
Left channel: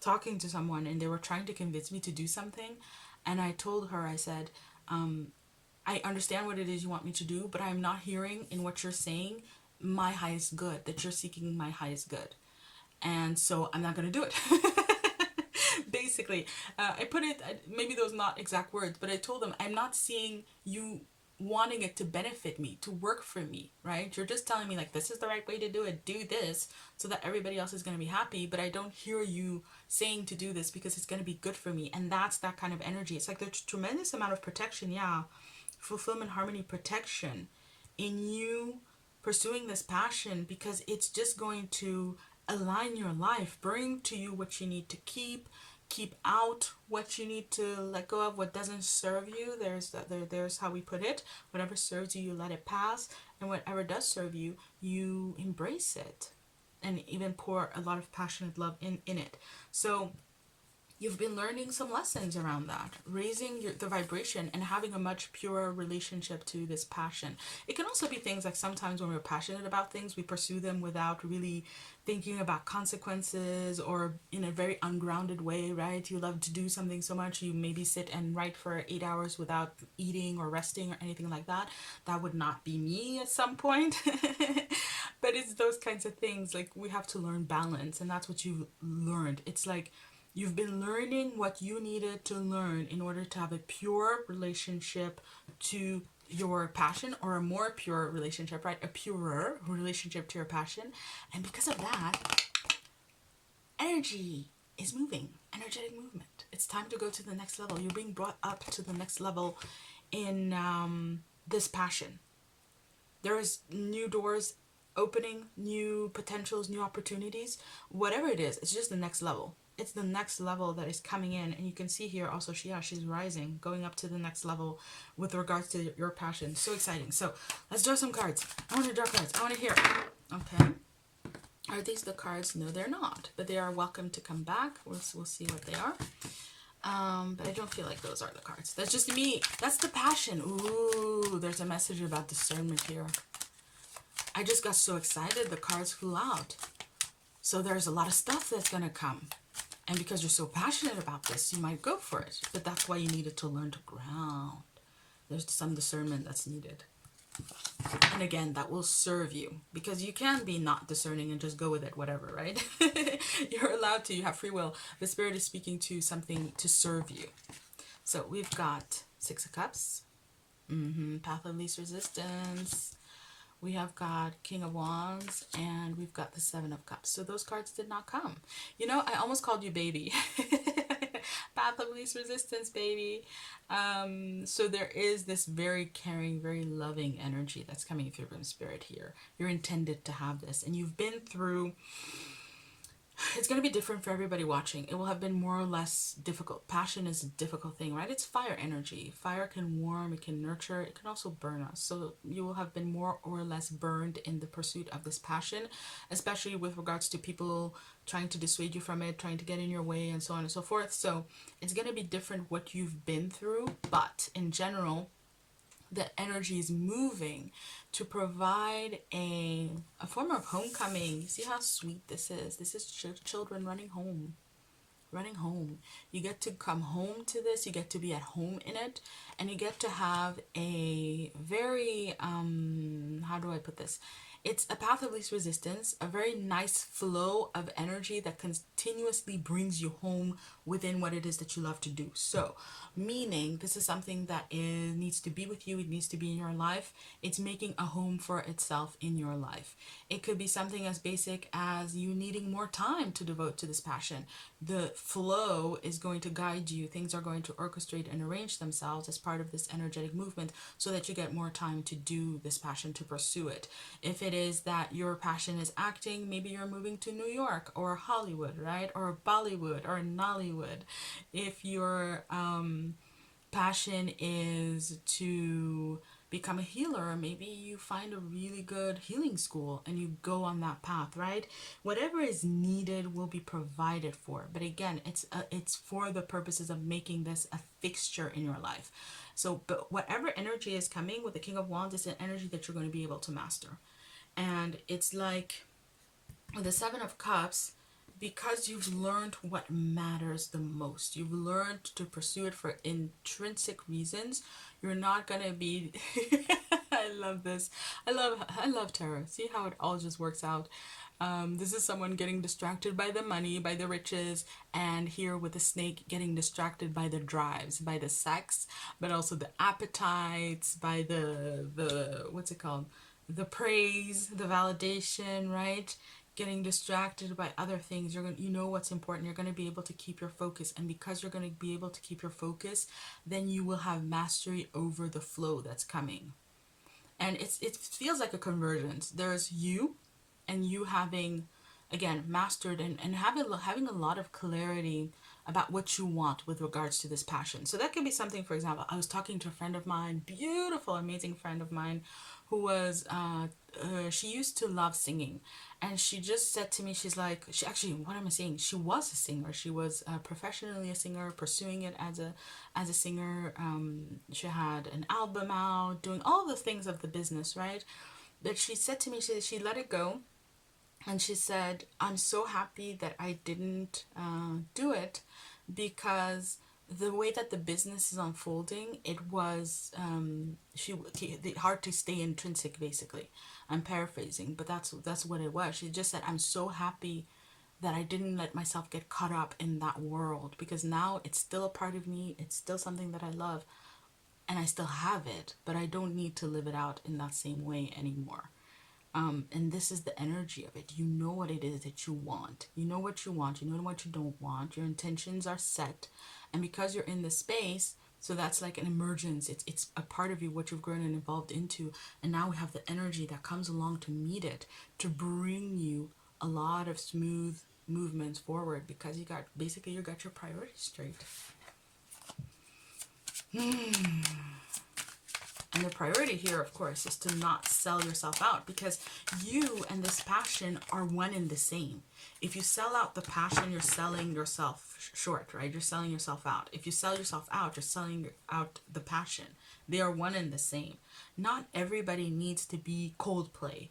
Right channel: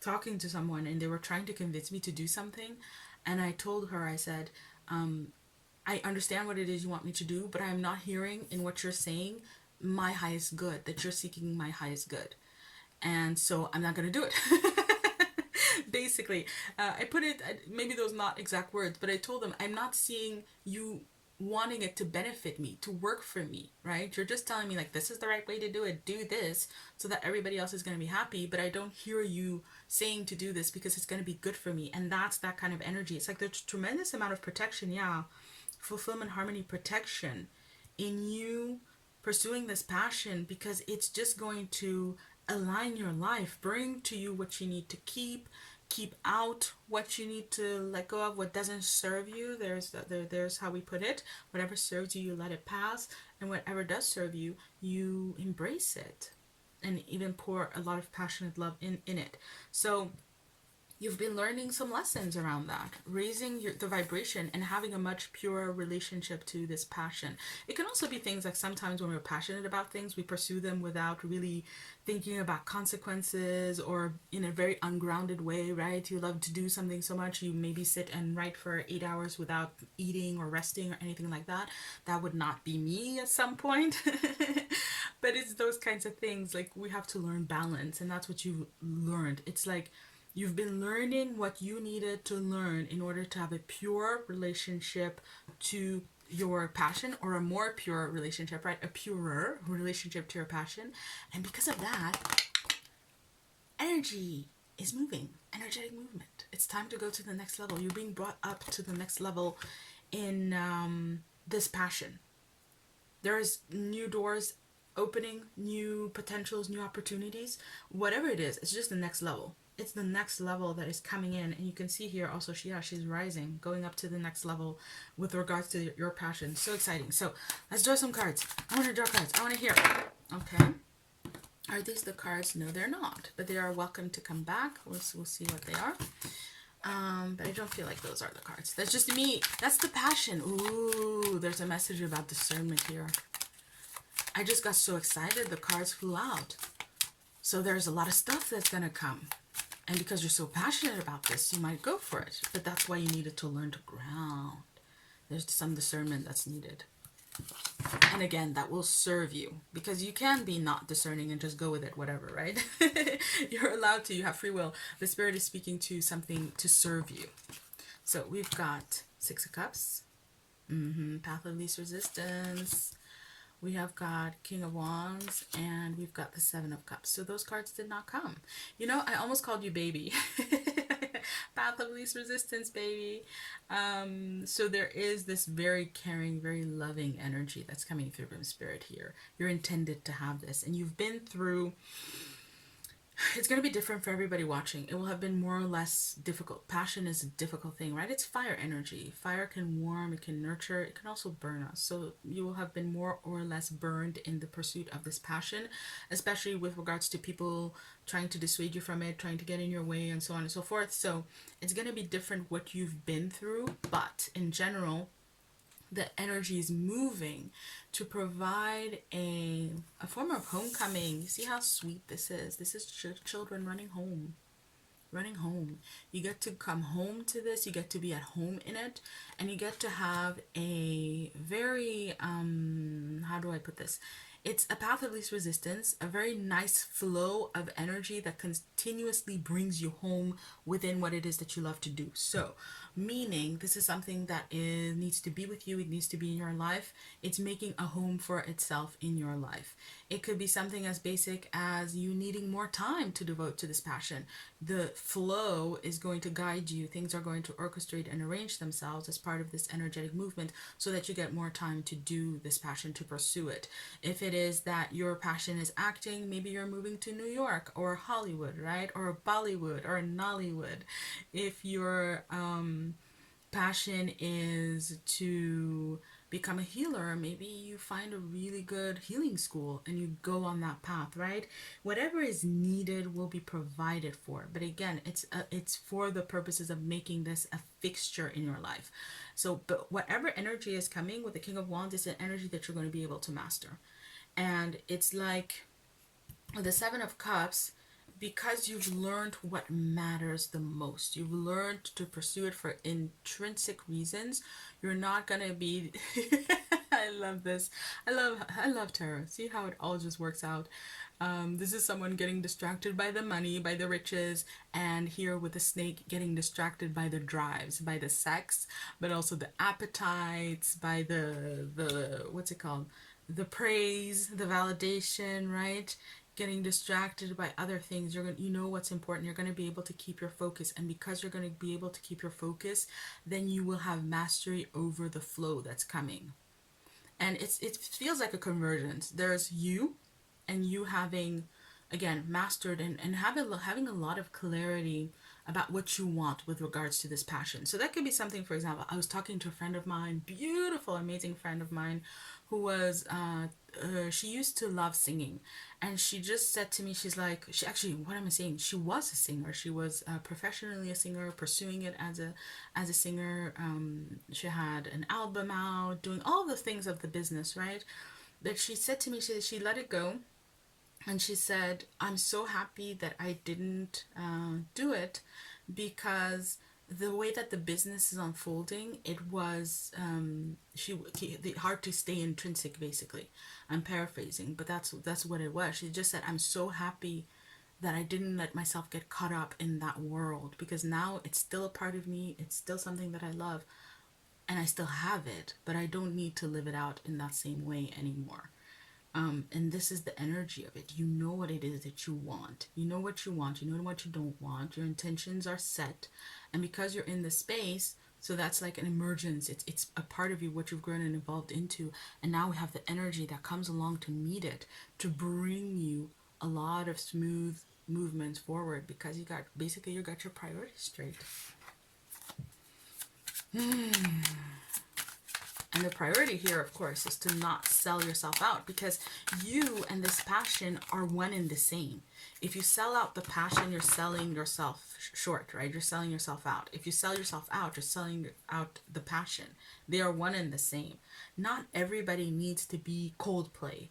talking to someone, and they were trying to convince me to do something, and I told her, I said, I understand what it is you want me to do, but I'm not hearing in what you're saying my highest good, that you're seeking my highest good. And so I'm not going to do it. Basically, I put it, maybe those not exact words, but I told them, I'm not seeing you wanting it to benefit me, to work for me, right? You're just telling me like, this is the right way to do it, do this so that everybody else is going to be happy, but I don't hear you saying to do this because it's going to be good for me. And that's that kind of energy. It's like there's a tremendous amount of protection, yeah, fulfillment, harmony, protection in you pursuing this passion, because it's just going to align your life, bring to you what you need to keep out what you need to let go of, what doesn't serve you. There's how we put it. Whatever serves you, you let it pass, and whatever does serve you, you embrace it, and even pour a lot of passionate love in it. So you've been learning some lessons around that, raising the vibration and having a much purer relationship to this passion. It can also be things like sometimes when we're passionate about things, we pursue them without really thinking about consequences, or in a very ungrounded way, right? You love to do something so much, you maybe sit and write for 8 hours without eating or resting or anything like that. That would not be me at some point. But it's those kinds of things, like we have to learn balance, and that's what you've learned. It's like you've been learning what you needed to learn in order to have a pure relationship to your passion, or a more pure relationship, right? A purer relationship to your passion. And because of that, energy is moving, energetic movement. It's time to go to the next level. You're being brought up to the next level in this passion. There's new doors opening, new potentials, new opportunities. Whatever it is, it's just the next level. It's the next level that is coming in. And you can see here also, she's rising, going up to the next level with regards to your passion. So exciting. So let's draw some cards. I want to draw cards. I want to hear. Okay. Are these the cards? No, they're not. But they are welcome to come back. We'll see what they are. But I don't feel like those are the cards. That's just me. That's the passion. Ooh, there's a message about discernment here. I just got so excited. The cards flew out. So there's a lot of stuff that's going to come. And because you're so passionate about this, you might go for it. But that's why you needed to learn to ground. There's some discernment that's needed. And again, that will serve you, because you can be not discerning and just go with it, whatever, right? You're allowed to, you have free will. The Spirit is speaking to something to serve you. So we've got Six of Cups, Path of Least Resistance. We have got King of Wands, and we've got the Seven of Cups. So those cards did not come. You know, I almost called you baby. Path of Least Resistance, baby. So there is this very caring, very loving energy that's coming through from Spirit here. You're intended to have this, and you've been through... It's going to be different for everybody watching. It will have been more or less difficult. Passion is a difficult thing, right? It's fire energy. Fire can warm, it can nurture, it can also burn us. So you will have been more or less burned in the pursuit of this passion, especially with regards to people trying to dissuade you from it, trying to get in your way, and so on and so forth. So it's going to be different what you've been through, but in general, the energy is moving to provide a form of homecoming. See how sweet this is? This is children running home. Running home. You get to come home to this. You get to be at home in it. And you get to have a very, how do I put this? It's a path of least resistance, a very nice flow of energy that continuously brings you home within what it is that you love to do. So, meaning this is something that needs to be with you, it needs to be in your life. It's making a home for itself in your life. It could be something as basic as you needing more time to devote to this passion. The flow is going to guide you. Things are going to orchestrate and arrange themselves as part of this energetic movement so that you get more time to do this passion, to pursue it. If it is that your passion is acting, maybe you're moving to New York or Hollywood, right? Or Bollywood or Nollywood. If your passion is to become a healer, maybe you find a really good healing school and you go on that path, right? Whatever is needed will be provided for. But again, it's for the purposes of making this a fixture in your life. So, but whatever energy is coming with the King of Wands is an energy that you're going to be able to master. And it's like the Seven of Cups, because you've learned what matters the most. You've learned to pursue it for intrinsic reasons. You're not going to be... I love this. I love tarot. See how it all just works out. This is someone getting distracted by the money, by the riches, and here with the snake getting distracted by the drives, by the sex, but also the appetites, by the what's it called? The praise, the validation, right? Getting distracted by other things. You know what's important. You're going to be able to keep your focus, and because you're going to be able to keep your focus, then you will have mastery over the flow that's coming. And it feels like a convergence. There's you, and you having, again, mastered and having a lot of clarity about what you want with regards to this passion. So that could be something, for example, I was talking to a friend of mine, beautiful, amazing friend of mine, who was, she used to love singing. And she just said to me, she's like, what am I saying? She was a singer. She was professionally a singer, pursuing it as a singer. She had an album out, doing all the things of the business, right? But she said to me, she let it go. And she said, I'm so happy that I didn't do it, because the way that the business is unfolding, it was hard to stay intrinsic, basically. I'm paraphrasing, but that's what it was. She just said, I'm so happy that I didn't let myself get caught up in that world, because now it's still a part of me. It's still something that I love, and I still have it, but I don't need to live it out in that same way anymore. And this is the energy of it. You know what it is that you want. You know what you want. You know what you don't want. Your intentions are set. And because you're in this space, so that's like an emergence. It's a part of you, what you've grown and evolved into. And now we have the energy that comes along to meet it, to bring you a lot of smooth movements forward, because you got your priorities straight. And the priority here, of course, is to not sell yourself out, because you and this passion are one and the same. If you sell out the passion, you're selling yourself short, right? You're selling yourself out. If you sell yourself out, you're selling out the passion. They are one and the same. Not everybody needs to be Coldplay,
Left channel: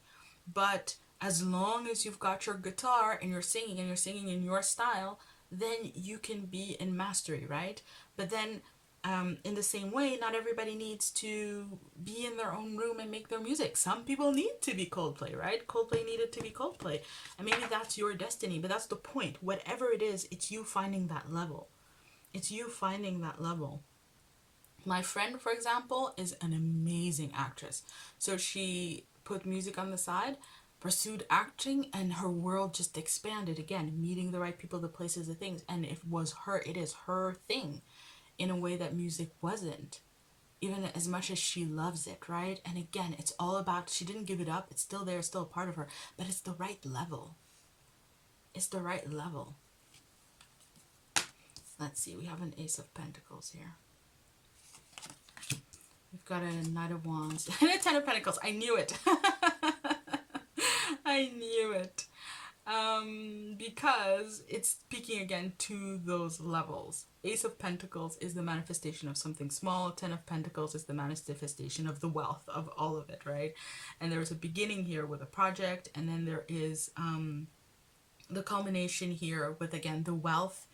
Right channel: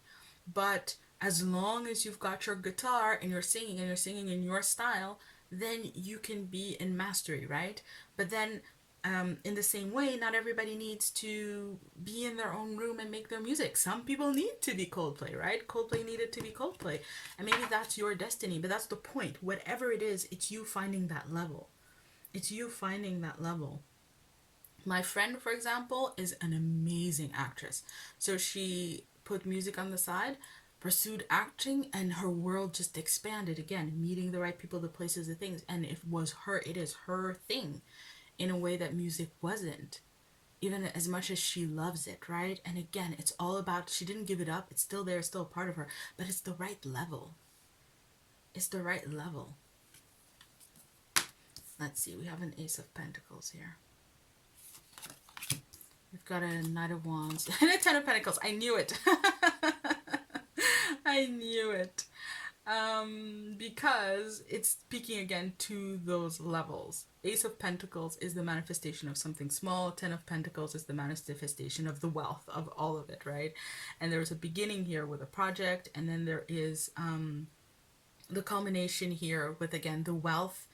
but As long as you've got your guitar and you're singing in your style, then you can be in mastery, right? But then in the same way, not everybody needs to be in their own room and make their music. Some people need to be Coldplay, right? Coldplay needed to be Coldplay. And maybe that's your destiny, but that's the point. Whatever it is, it's you finding that level. It's you finding that level. My friend, for example, is an amazing actress. So she put music on the side, pursued acting, and her world just expanded again, meeting the right people, the places, the things. And it is her thing in a way that music wasn't, even as much as she loves it, right? And again, it's all about, she didn't give it up. It's still there, still a part of her, but it's the right level. It's the right level. Let's see, we have an Ace of Pentacles here. We've got a Knight of Wands and a Ten of Pentacles. I knew it. I knew it. Because it's speaking again to those levels. Ace of Pentacles is the manifestation of something small. Ten of Pentacles is the manifestation of the wealth of all of it, right? And there's a beginning here with a project, and then there is the culmination here with, again, the wealth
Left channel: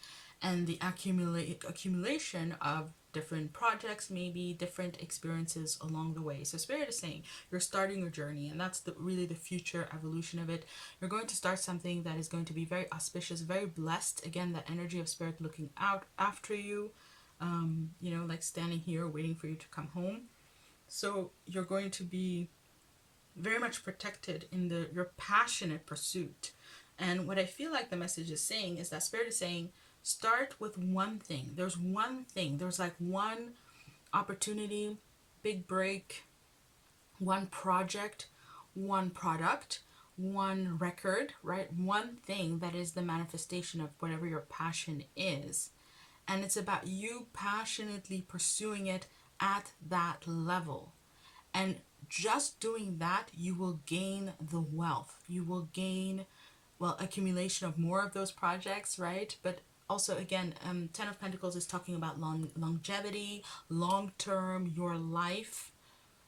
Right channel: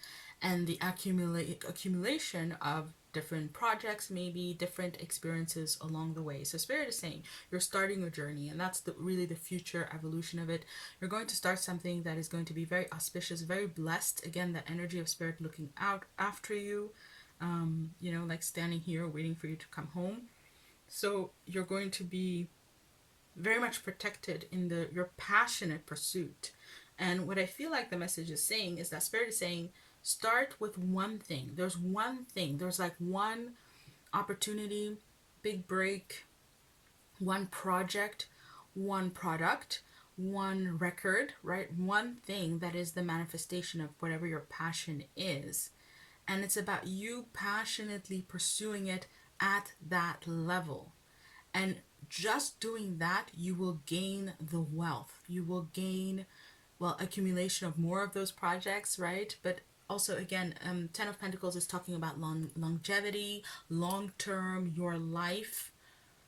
and the accumulation of different projects, maybe different experiences along the way. So Spirit is saying you're starting a journey, and that's really the future evolution of it. You're going to start something that is going to be very auspicious, very blessed. Again, that energy of Spirit looking out after you, you know, like standing here waiting for you to come home. So you're going to be very much protected in your passionate pursuit. And what I feel like the message is saying is that Spirit is saying, start with one thing. There's one thing. There's like one opportunity, big break, one project, one product, one record, right? One thing that is the manifestation of whatever your passion is. And it's about you passionately pursuing it at that level. And just doing that, you will gain the wealth. You will gain, well, accumulation of more of those projects, right? But also, again, Ten of Pentacles is talking about longevity, long-term, your life,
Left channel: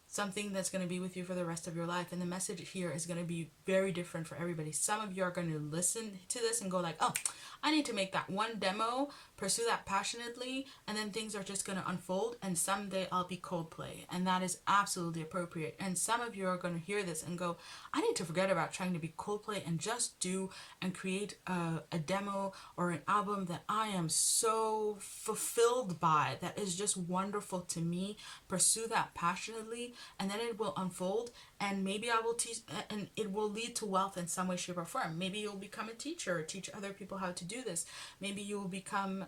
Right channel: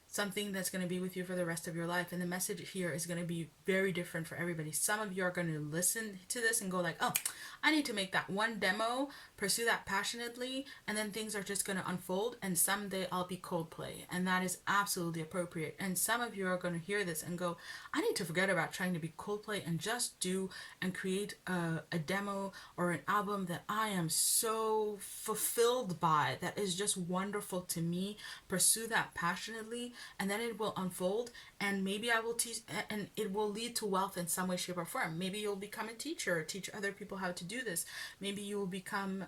something that's going to be with you for the rest of your life. And the message here is going to be very different for everybody. Some of you are going to listen to this and go like, oh, I need to make that one demo, pursue that passionately, and then things are just going to unfold, and someday I'll be Coldplay. And that is absolutely appropriate. And some of you are going to hear this and go, I need to forget about trying to be Coldplay and just do and create a demo or an album that I am so fulfilled by, that is just wonderful to me. Pursue that passionately, and then it will unfold, and maybe I will teach, and it will lead to wealth in some way, shape, or form. Maybe you'll become a teacher or teach other people how to do this. Maybe you will become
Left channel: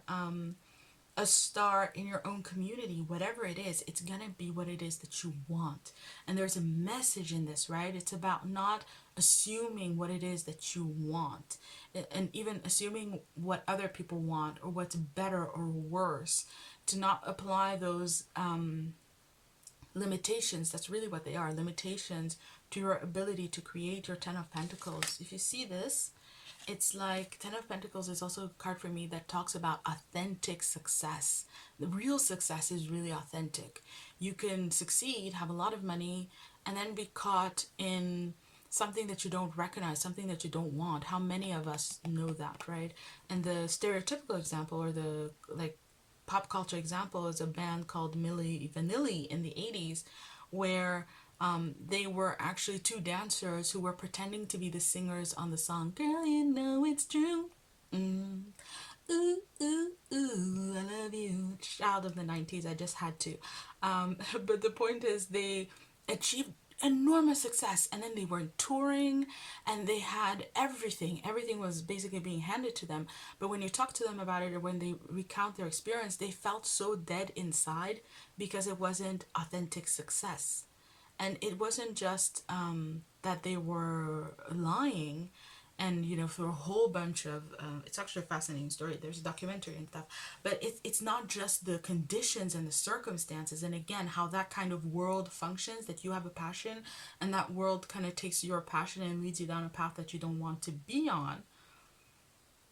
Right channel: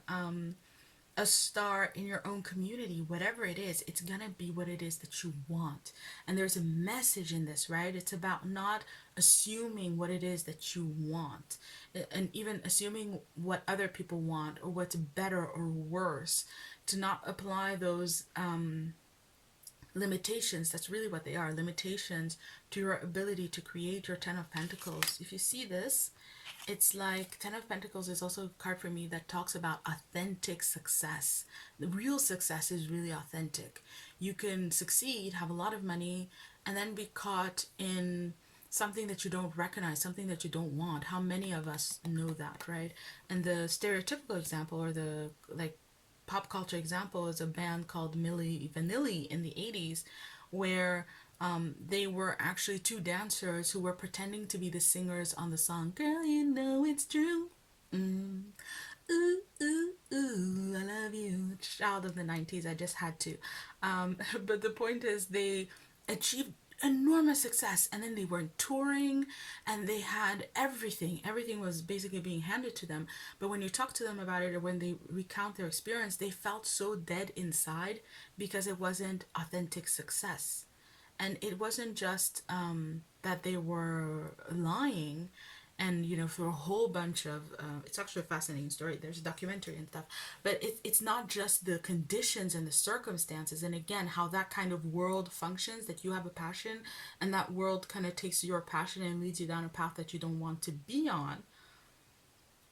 a star in your own community. Whatever it is, it's gonna be what it is that you want. And there's a message in this, right? It's about not assuming what it is that you want, and even assuming what other people want or what's better or worse, to not apply those limitations. That's really what they are, limitations to your ability to create your Ten of Pentacles. If you see this, it's like Ten of Pentacles is also a card for me that talks about authentic success. The real success is really authentic. You can succeed, have a lot of money, and then be caught in something that you don't recognize, something that you don't want. How many of us know that, right? And the stereotypical example, or the like pop culture example, is a band called Milli Vanilli in the 80s, where they were actually two dancers who were pretending to be the singers on the song Girl, You Know It's True. Ooh, ooh, ooh, I love you. Child of the 90s, I just had to. But the point is, they achieved enormous success, and then they were touring, and they had everything was basically being handed to them. But when you talk to them about it, or when they recount their experience, they felt so dead inside because it wasn't authentic success. And it wasn't just that they were lying, and you know, for a whole bunch of it's actually a fascinating story. There's a documentary and stuff, but it's not just the conditions and the circumstances, and again, how that kind of world functions, that you have a passion and that world kind of takes your passion and leads you down a path that you don't want to be on,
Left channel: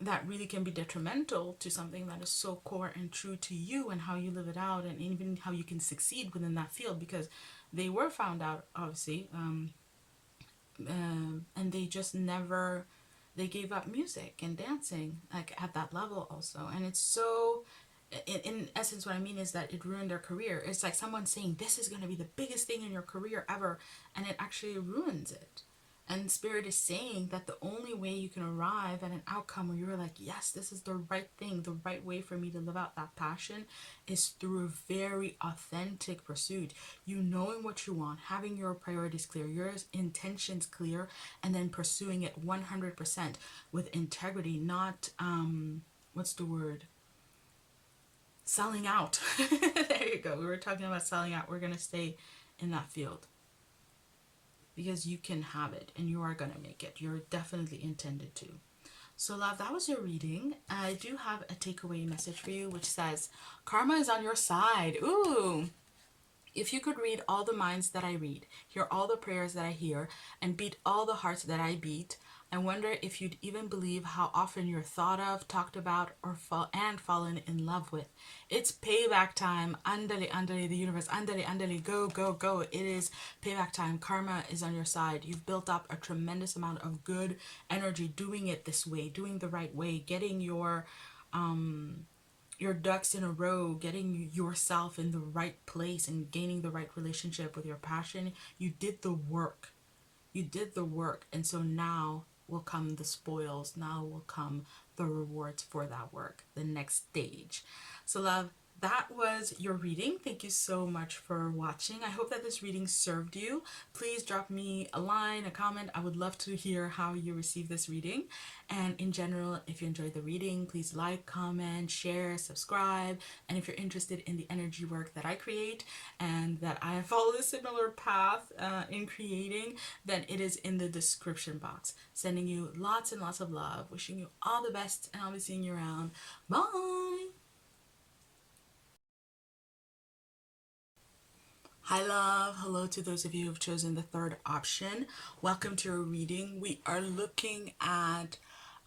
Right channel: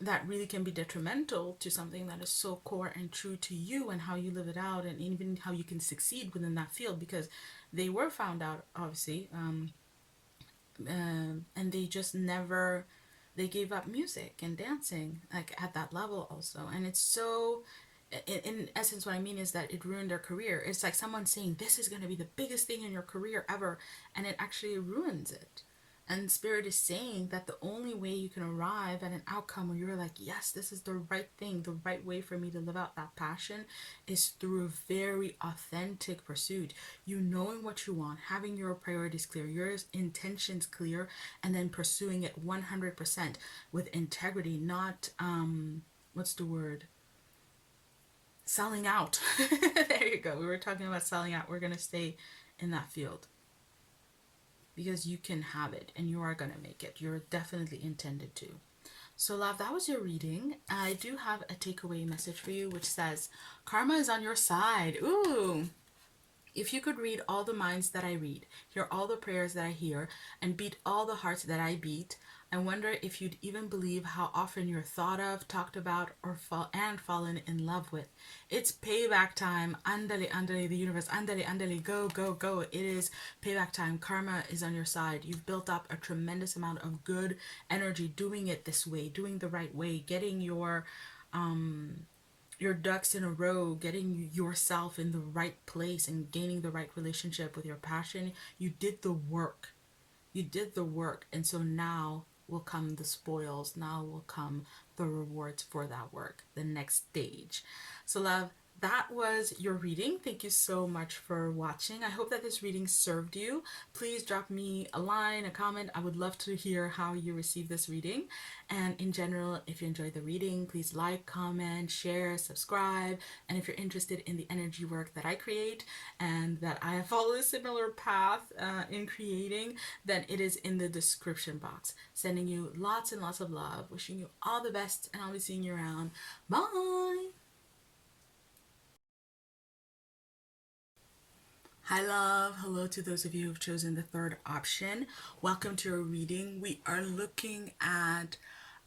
that really can be detrimental to something that is so core and true to you, and how you live it out, and even how you can succeed within that field. Because they were found out, obviously, and they just never, they gave up music and dancing like at that level also. And it's so, in essence, what I mean is that it ruined their career. It's like someone saying this is going to be the biggest thing in your career ever, and it actually ruins it. And Spirit is saying that the only way you can arrive at an outcome where you're like, yes, this is the right thing, the right way for me to live out that passion, is through a very authentic pursuit. You knowing what you want, having your priorities clear, your intentions clear, and then pursuing it 100% with integrity, not, what's the word? Selling out. There you go. We were talking about selling out. We're going to stay in that field, because you can have it and you are going to make it. You're definitely intended to. So love, that was your reading. I do have a takeaway message for you, which says karma is on your side. Ooh. If you could read all the minds that I read, hear all the prayers that I hear, and beat all the hearts that I beat, I wonder if you'd even believe how often you're thought of, talked about, or fallen in love with. It's payback time. Andale, andale, the universe. Andale, andale, go, go, go. It is payback time. Karma is on your side. You've built up a tremendous amount of good energy doing it this way, doing the right way, getting your ducks in a row, getting yourself in the right place and gaining the right relationship with your passion. You did the work. You did the work. And so now will come the spoils. Now will come the rewards for that work, the next stage. So love, that was your reading. Thank you so much for watching. I hope that this reading served you. Please drop me a line, a comment. I would love to hear how you receive this reading. And in general, if you enjoyed the reading, please like, comment, share, subscribe. And if you're interested in the energy work that I create and that I follow a similar path in creating, then it is in the description box. Sending you lots and lots of love. Wishing you all the best, and I'll be seeing you around. Bye! Hi love, hello to those of you who've chosen the third option. Welcome to your reading. We are looking at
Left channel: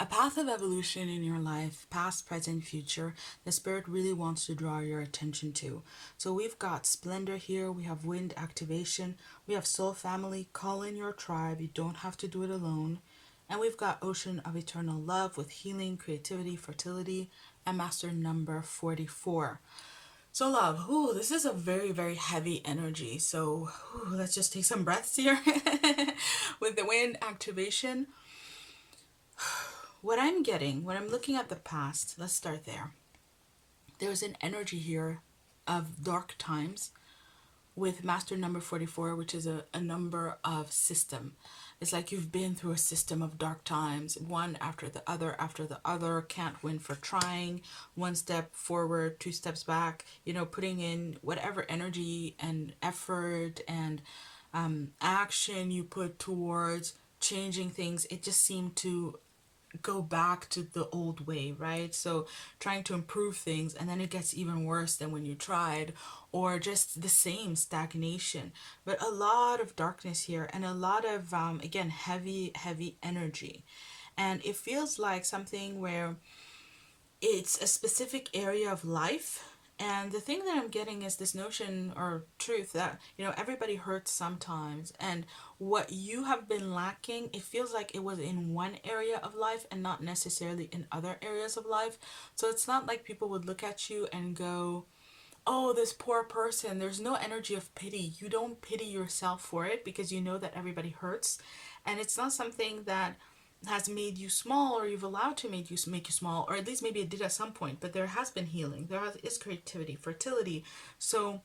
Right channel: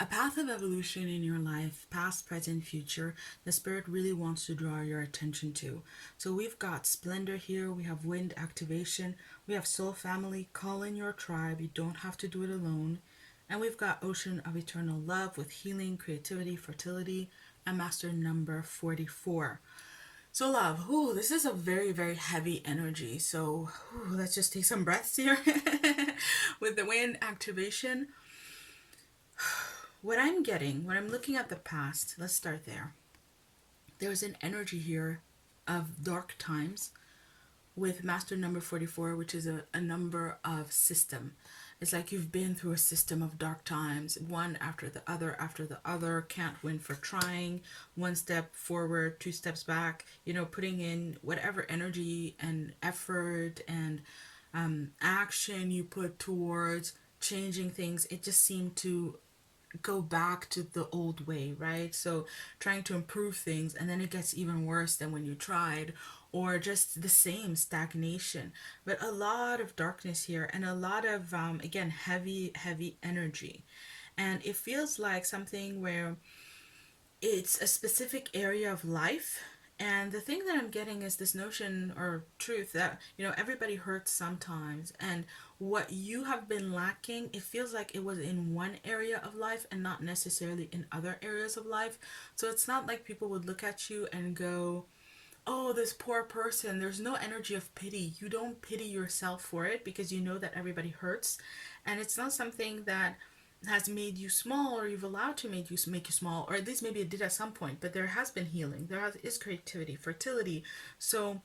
a path of evolution in your life, past, present, future, the Spirit really wants to draw your attention to. So we've got Splendor here, we have Wind Activation, we have Soul Family, call in your tribe, you don't have to do it alone. And we've got Ocean of Eternal Love with Healing, Creativity, Fertility, and Master number 44. So love, this is a very, very heavy energy. So let's just take some breaths here. With the Wind Activation, what I'm getting, when I'm looking at the past, let's start there. There's an energy here of dark times with Master number 44, which is a number of system. It's like you've been through a system of dark times, one after the other, can't win for trying, one step forward, two steps back, putting in whatever energy and effort and action you put towards changing things. It just seemed to go back to the old way, right? So trying to improve things, and then it gets even worse than when you tried, or just the same stagnation. But a lot of darkness here, and a lot of again, heavy energy. And it feels like something where it's a specific area of life. And the thing that I'm getting is this notion or truth that, everybody hurts sometimes. And what you have been lacking, it feels like it was in one area of life and not necessarily in other areas of life. So it's not like people would look at you and go, oh, this poor person. There's no energy of pity. You don't pity yourself for it because you know that everybody hurts. And it's not something that has made you small, or you've allowed to make you small, or at least maybe it did at some point, but there has been healing, is creativity, fertility. So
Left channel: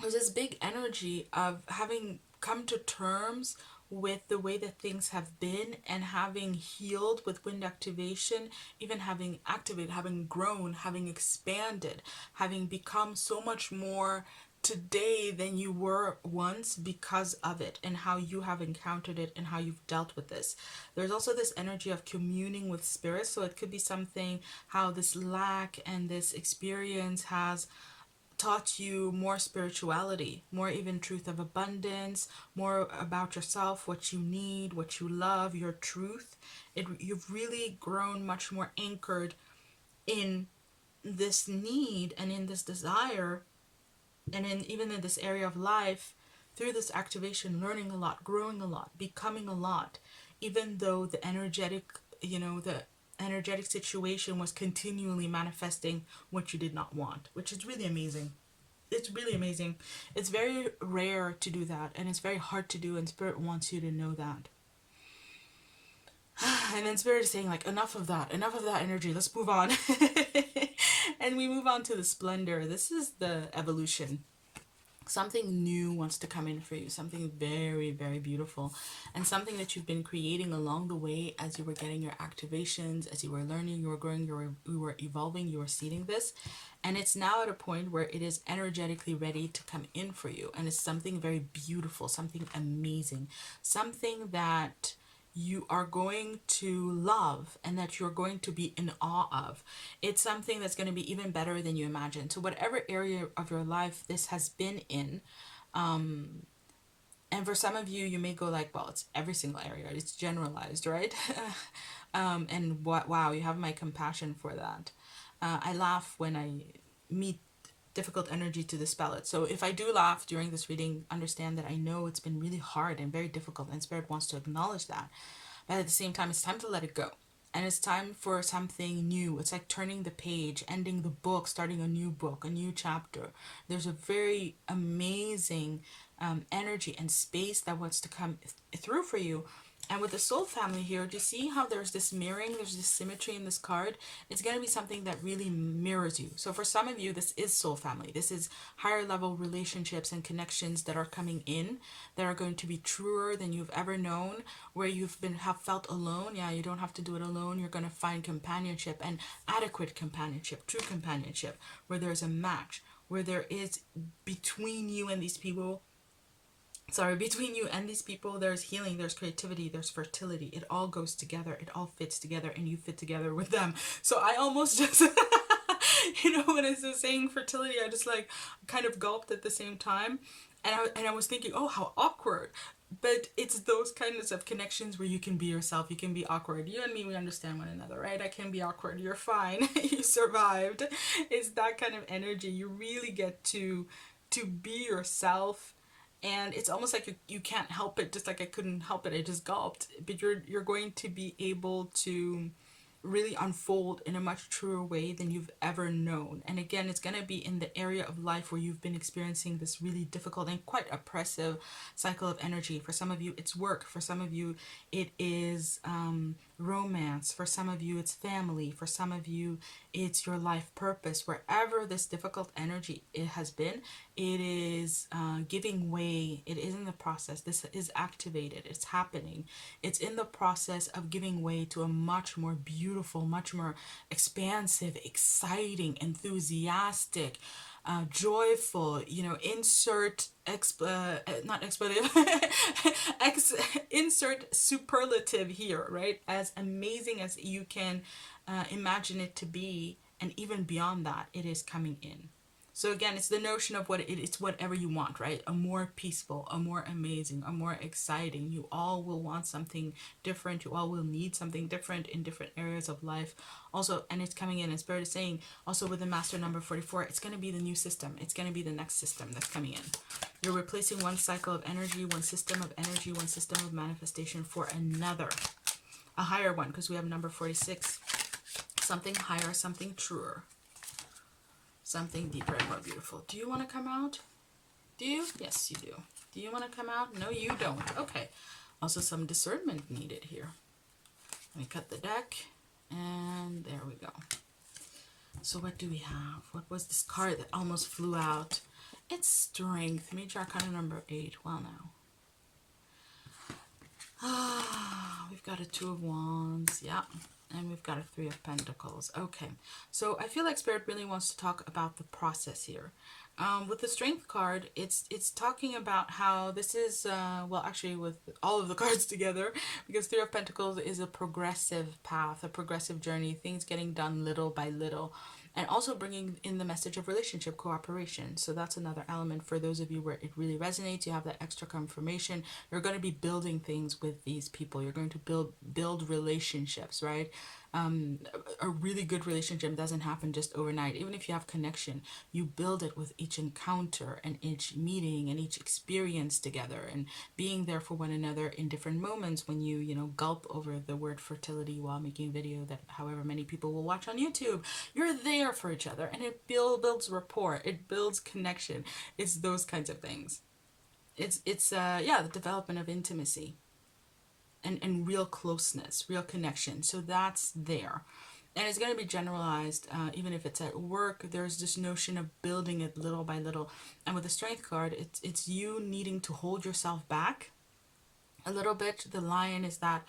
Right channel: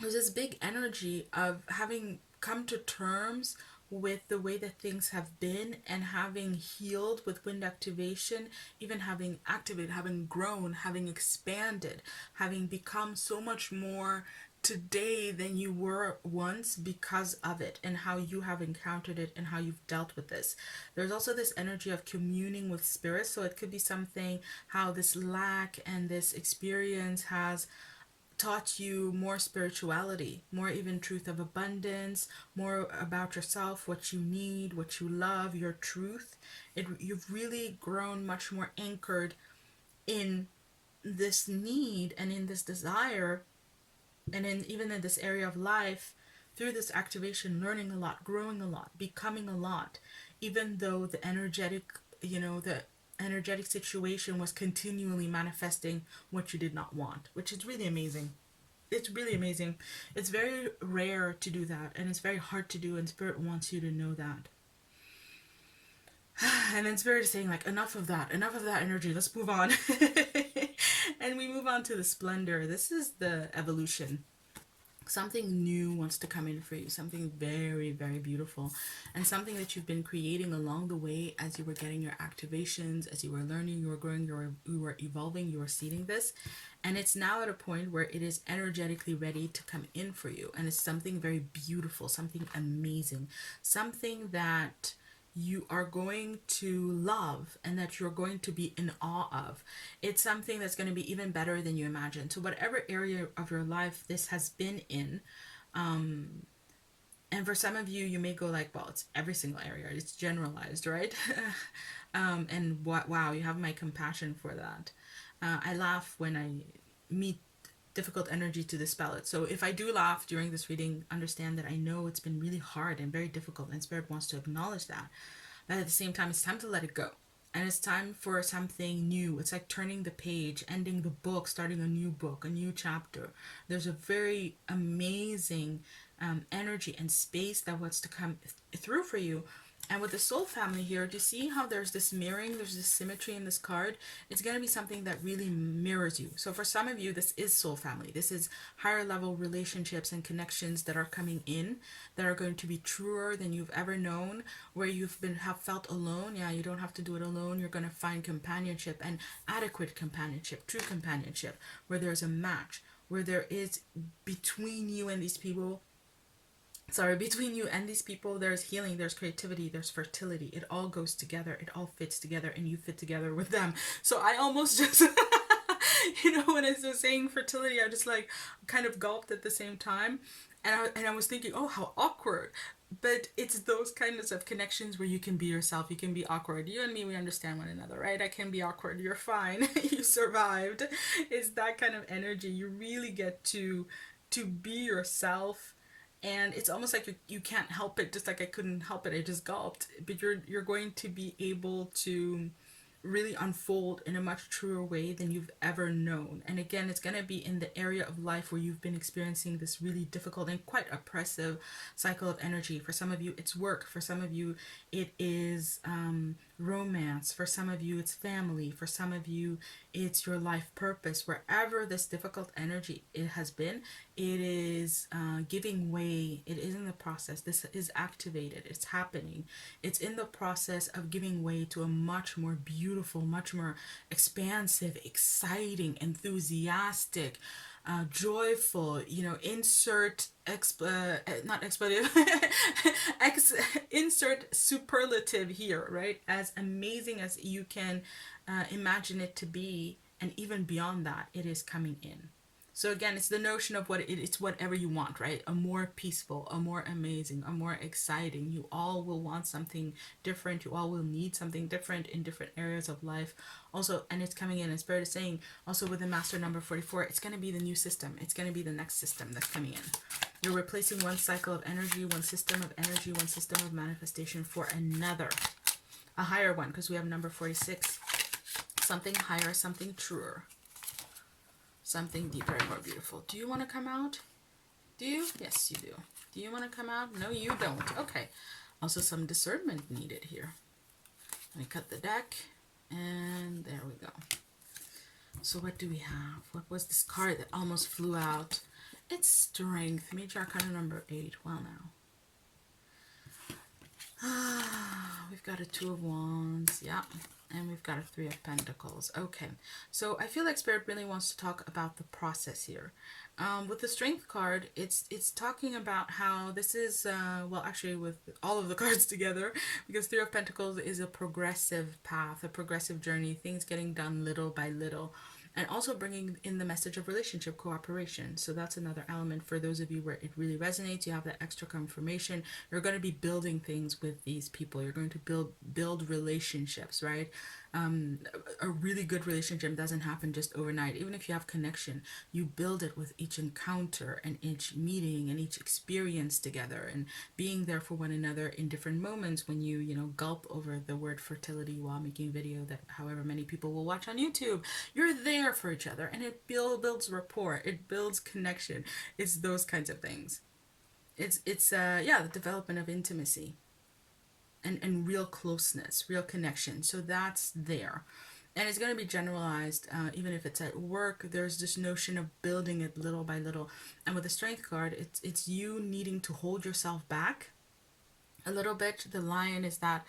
there's this big energy of having come to terms with the way that things have been, and having healed with Wind Activation, even having activated, having grown, having expanded, having become so much more today than you were once because of it, and how you have encountered it and how you've dealt with this. There's also this energy of communing with spirit. So it could be something, how this lack and this experience has taught you more spirituality, more even truth of abundance, more about yourself, what you need, what you love, your truth. You've really grown much more anchored in this need and in this desire, and even in this area of life through this activation, learning a lot, growing a lot, becoming a lot, even though the energetic, the energetic situation was continually manifesting what you did not want, which is really amazing. It's really amazing. It's very rare to do that, and it's very hard to do, and Spirit wants you to know that. And then Spirit is saying, like, enough of that energy, let's move on. And we move on to the splendor. This is the evolution. Something new wants to come in for you, something very, very beautiful, and something that you've been creating along the way as you were getting your activations, as you were learning, you were growing, you were evolving, you were seeding this, and it's now at a point where it is energetically ready to come in for you, and it's something very beautiful, something amazing, something that you are going to love and that you're going to be in awe of. It's something that's going to be even better than you imagine. So whatever area of your life this has been in, and for some of you, you may go like, well, it's every single area. It's generalized, right? And wow, you have my compassion for that. I laugh when I meet difficult energy to dispel it. So if I do laugh during this reading, understand that I know it's been really hard and very difficult, and Spirit wants to acknowledge that. But at the same time, it's time to let it go. And it's time for something new. It's like turning the page, ending the book, starting a new book, a new chapter. There's a very amazing energy and space that wants to come through for you. And with the soul family here, do you see how there's this mirroring, there's this symmetry in this card? It's going to be something that really mirrors you. So for some of you, this is soul family. This is higher level relationships and connections that are coming in, that are going to be truer than you've ever known, where have felt alone. Yeah, you don't have to do it alone. You're going to find companionship, and adequate companionship, true companionship, where there's a match, where there is between you and these people, there's healing, there's creativity, there's fertility. It all goes together. It all fits together, and you fit together with them. So I almost just, when I was saying fertility, I just like kind of gulped at the same time. And I was thinking, oh, how awkward. But it's those kinds of connections where you can be yourself. You can be awkward. You and me, we understand one another, right? I can be awkward. You're fine. You survived. It's that kind of energy. You really get to be yourself. And it's almost like you can't help it, just like I couldn't help it. I just gulped. But you're going to be able to really unfold in a much truer way than you've ever known. And again, it's going to be in the area of life where you've been experiencing this really difficult and quite oppressive cycle of energy. For some of you, it's work. For some of you, it is romance. For some of you, it's family. For some of you, it's your life purpose. Wherever this difficult energy it has been, it is giving way. It is in the process. This is activated. It's happening. It's in the process of giving way to a much more beautiful, much more expansive, exciting, enthusiastic, joyful, insert not expletive, insert superlative here, right? As amazing as you can imagine it to be, and even beyond that, it is coming in. So again, it's the notion of it's whatever you want, right? A more peaceful, a more amazing, a more exciting. You all will want something different. You all will need something different in different areas of life. Also, and it's coming in, and Spirit is saying, also with the master number 44, it's going to be the new system. It's going to be the next system that's coming in. You're replacing one cycle of energy, one system of energy, one system of manifestation for another. A higher one, because we have number 46. Something higher, something truer. Something deeper and more beautiful. Do you want to come out? Do you? Yes, you do. Do you want to come out? No, you don't. Okay. Also, some discernment needed here. Let me cut the deck. And there we go. So what do we have? What was this card that almost flew out? It's Strength. Major Arcana number 8. Well, now. We've got a 2 of Wands. Yeah. And we've got a 3 of Pentacles. Okay. So I feel like Spirit really wants to talk about the process here. With the Strength card, it's talking about how this is, well, actually with all of the cards together, because 3 of Pentacles is a progressive path, a progressive journey, things getting done little by little. And also bringing in the message of relationship cooperation. So that's another element for those of you where it really resonates. You have that extra confirmation. You're going to be building things with these people. You're going to build relationships, right? A really good relationship doesn't happen just overnight. Even if you have connection, you build it with each encounter and each meeting and each experience together, and being there for one another in different moments. When you know, gulp over the word fertility while making video that however many people will watch on YouTube, you're there for each other, and it builds rapport, it builds connection. It's those kinds of things. It's yeah, the development of intimacy and real closeness, real connection. So that's there. And it's going to be generalized, even if it's at work. There's this notion of building it little by little. And with the strength card, it's you needing to hold yourself back a little bit. The lion is that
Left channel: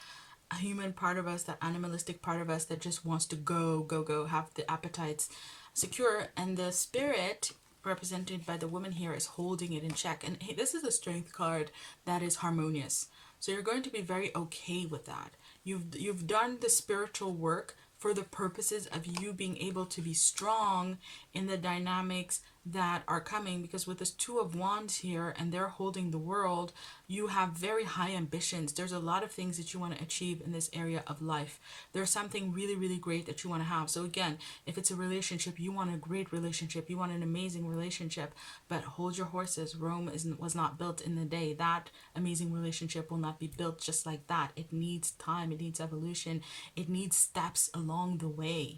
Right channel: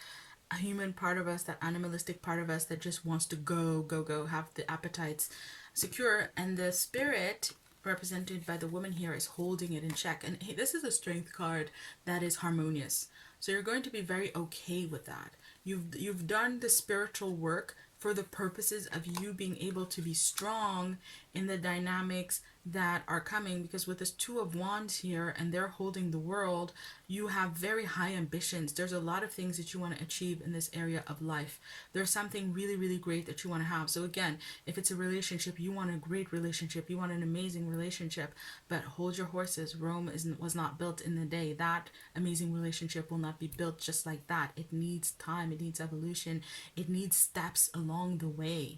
a human part of us, that animalistic part of us that just wants to go, have the appetites secure. And the spirit, represented by the woman here, is holding it in check. And hey, this is a strength card that is harmonious. So you're going to be very okay with that. You've done the spiritual work for the purposes of you being able to be strong in the dynamics that are coming, because with this Two of Wands here and they're holding the world, you have very high ambitions. There's a lot of things that you want to achieve in this area of life. There's something really, really great that you want to have. So again, if it's a relationship, you want a great relationship, you want an amazing relationship, but hold your horses. Rome was not built in a day. That amazing relationship will not be built just like that. It needs time, it needs evolution, it needs steps along the way.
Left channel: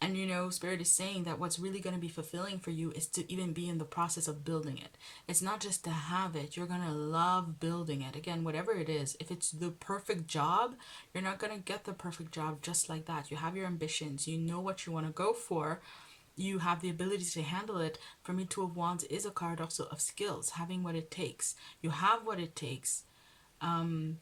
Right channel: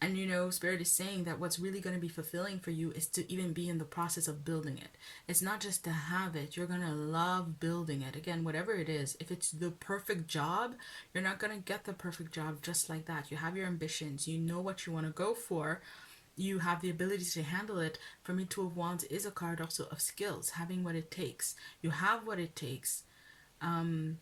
And you know, Spirit is saying that what's really going to be fulfilling for you is to even be in the process of building it. It's not just to have it. You're going to love building it. Again, whatever it is, if it's the perfect job, you're not going to get the perfect job just like that. You have your ambitions. You know what you want to go for. You have the ability to handle it. For me, Two of Wands is a card also of skills, having what it takes. You have what it takes. And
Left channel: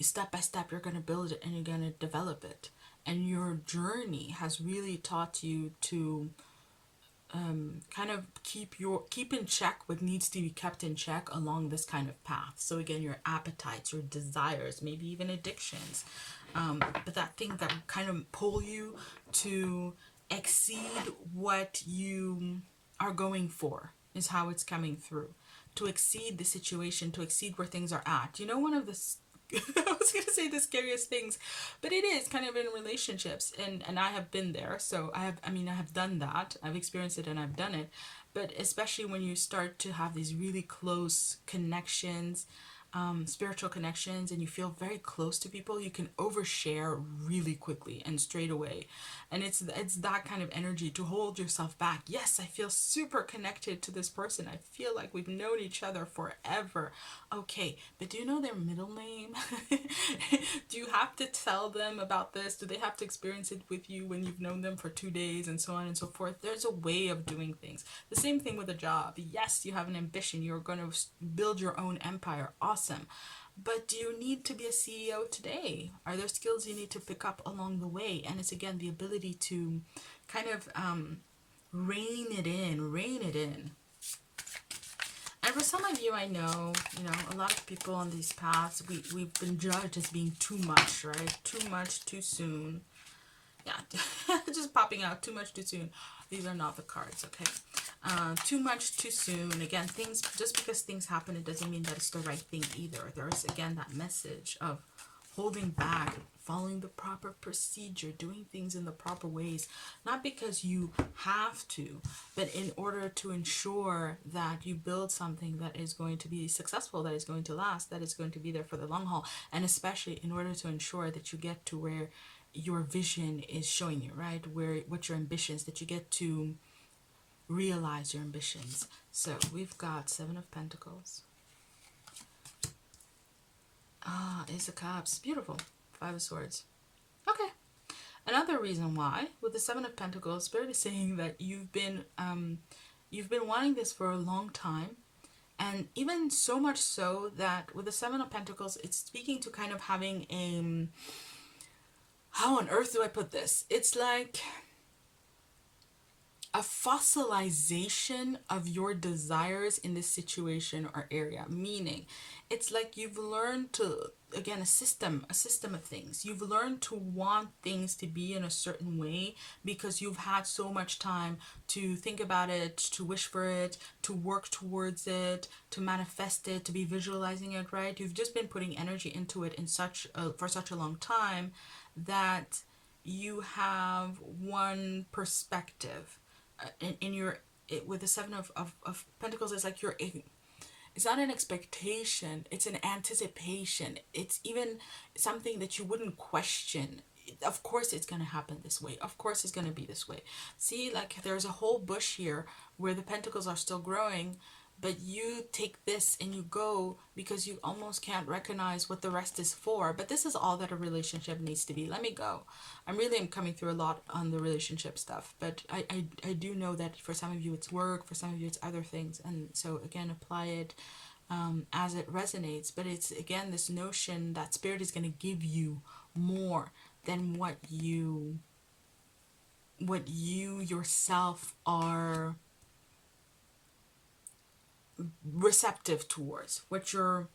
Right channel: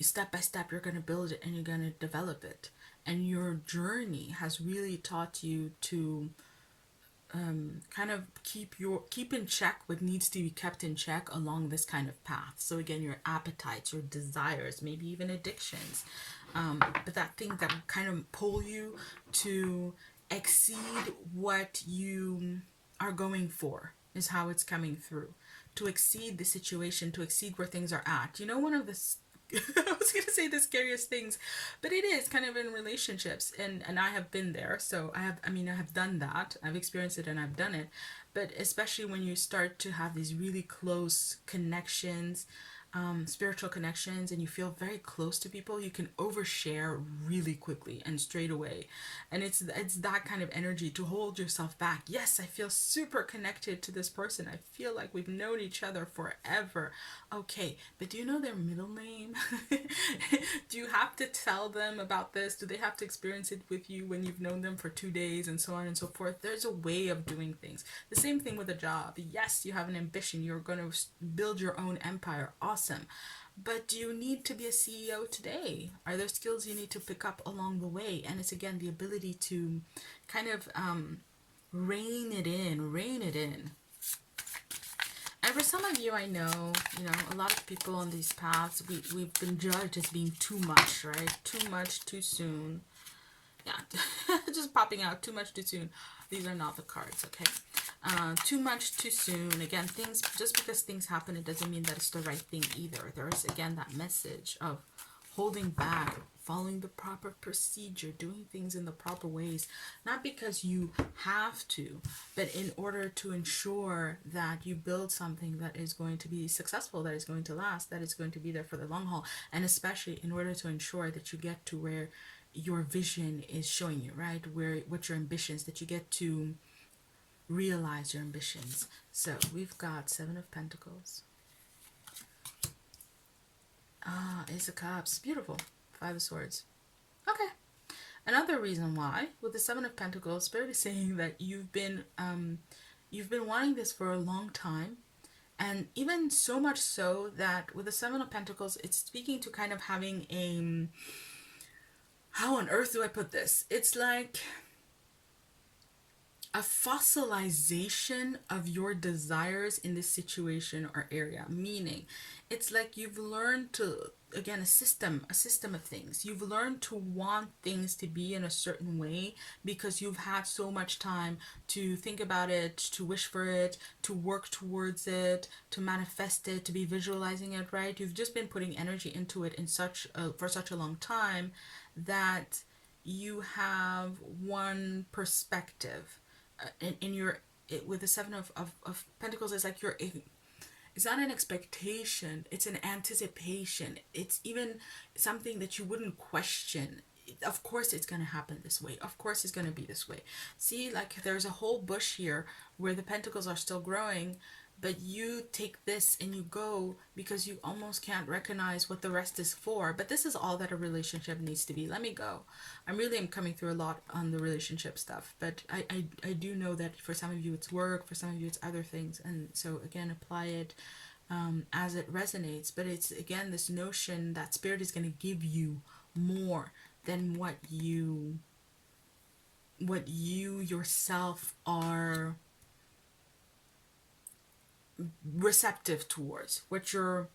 step by step, you're going to build it and you're going to develop it. And your journey has really taught you to kind of keep in check what needs to be kept in check along this kind of path. So again, your appetites, your desires, maybe even addictions, but that thing that will kind of pull you to exceed what you are going for is how it's coming through. To exceed the situation, to exceed where things are at. You know, one of the I was going to say the scariest things, but it is kind of in relationships, and I have been there. So I have done that. I've experienced it and I've done it. But especially when you start to have these really close connections, spiritual connections, and you feel very close to people, you can overshare really quickly and straight away. And it's that kind of energy to hold yourself back. Yes, I feel super connected to this person. I feel like we've known each other forever. Okay, but do you know their middle name? Do you have to tell them about this? Do they have to experience it with you when you've known them for 2 days, and so on and so forth? There's a way of doing things. The same thing with a job. Yes, you have an ambition. You're going to build your own empire. Awesome. But do you need to be a CEO today? Are there skills you need to pick up along the way? And it's again the ability to kind of rein it in. And for some of you, I know, a lot of people on these paths, we've been judged as being too much, right? Too much, too soon. Yeah, just popping out, too much, too soon. These are not the cards, okay? Too much, too soon. Again, just because things happen, it doesn't mean that it's the right thing either. There's, again, that message of holding back, following the proper procedure, doing things in the proper ways, not because you have to, but in order to ensure that you build something that is going to be successful, that is going to last, that is going to be there for the long haul, and especially in order to ensure that you get to where your vision is showing you, right? What your ambitions, that you get to realize your ambitions. So we've got Seven of Pentacles. Ace of Cups. Beautiful. Five of Swords. Okay. Another reason why, with the Seven of Pentacles, Spirit is saying that you've been wanting this for a long time. And even so much so that with the Seven of Pentacles, it's speaking to kind of having how on earth do I put this? It's like a fossilization of your desires in this situation or area. Meaning, it's like you've learned to, again, a system of things. You've learned to want things to be in a certain way because you've had so much time to think about it, to wish for it, to work towards it, to manifest it, to be visualizing it, right? You've just been putting energy into it for such a long time that you have one perspective in your with the seven of pentacles. It's like it's not an expectation, it's an anticipation. It's even something that you wouldn't question. Of course it's going to happen this way. Of course it's going to be this way. See, like there's a whole bush here where the pentacles are still growing, but you take this and you go because you almost can't recognize what the rest is for. But this is all that a relationship needs to be. Let me go. I really am coming through a lot on the relationship stuff, but I do know that for some of you it's work, for some of you it's other things. And so again, apply it as it resonates. But it's again this notion that spirit is going to give you more than what you yourself are receptive towards, what you're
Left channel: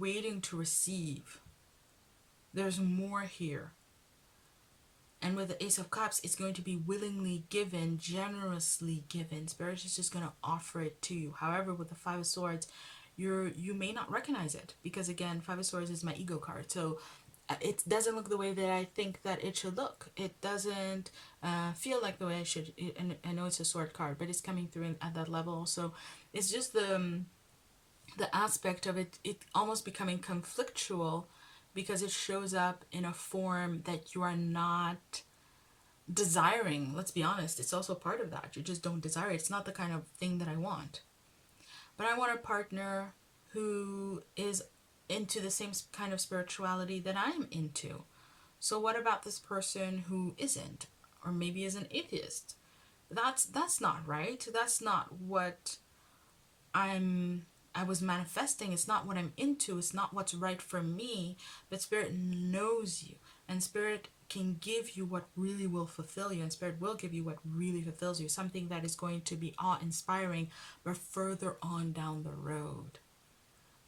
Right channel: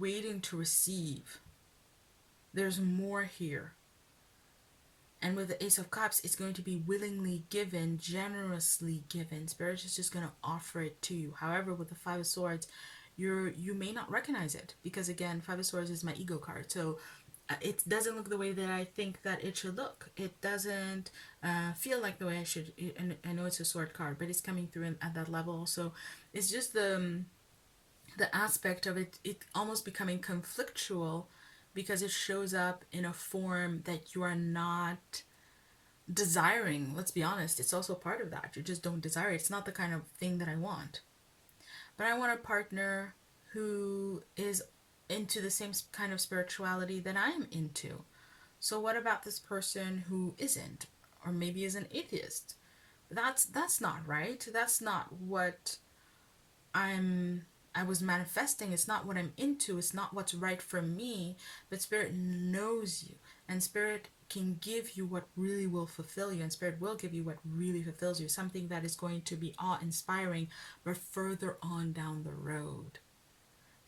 waiting to receive. There's more here. And with the Ace of Cups, it's going to be willingly given, generously given. Spirit is just going to offer it to you. However, with the Five of Swords, you may not recognize it, because again, Five of Swords is my ego card. So it doesn't look the way that I think that it should look. It doesn't feel like the way I should. And I know it's a sword card, but it's coming through at that level. So it's just the aspect of it almost becoming conflictual, because it shows up in a form that you are not desiring. Let's be honest, it's also part of that. You just don't desire it. It's not the kind of thing that I want. But I want a partner who is into the same kind of spirituality that I'm into. So what about this person who isn't, or maybe is an atheist? That's not right. That's not what I was manifesting. It's not what I'm into. It's not what's right for me. But Spirit knows you, and Spirit can give you what really will fulfill you, and Spirit will give you what really fulfills you, something that is going to be awe-inspiring, but further on down the road.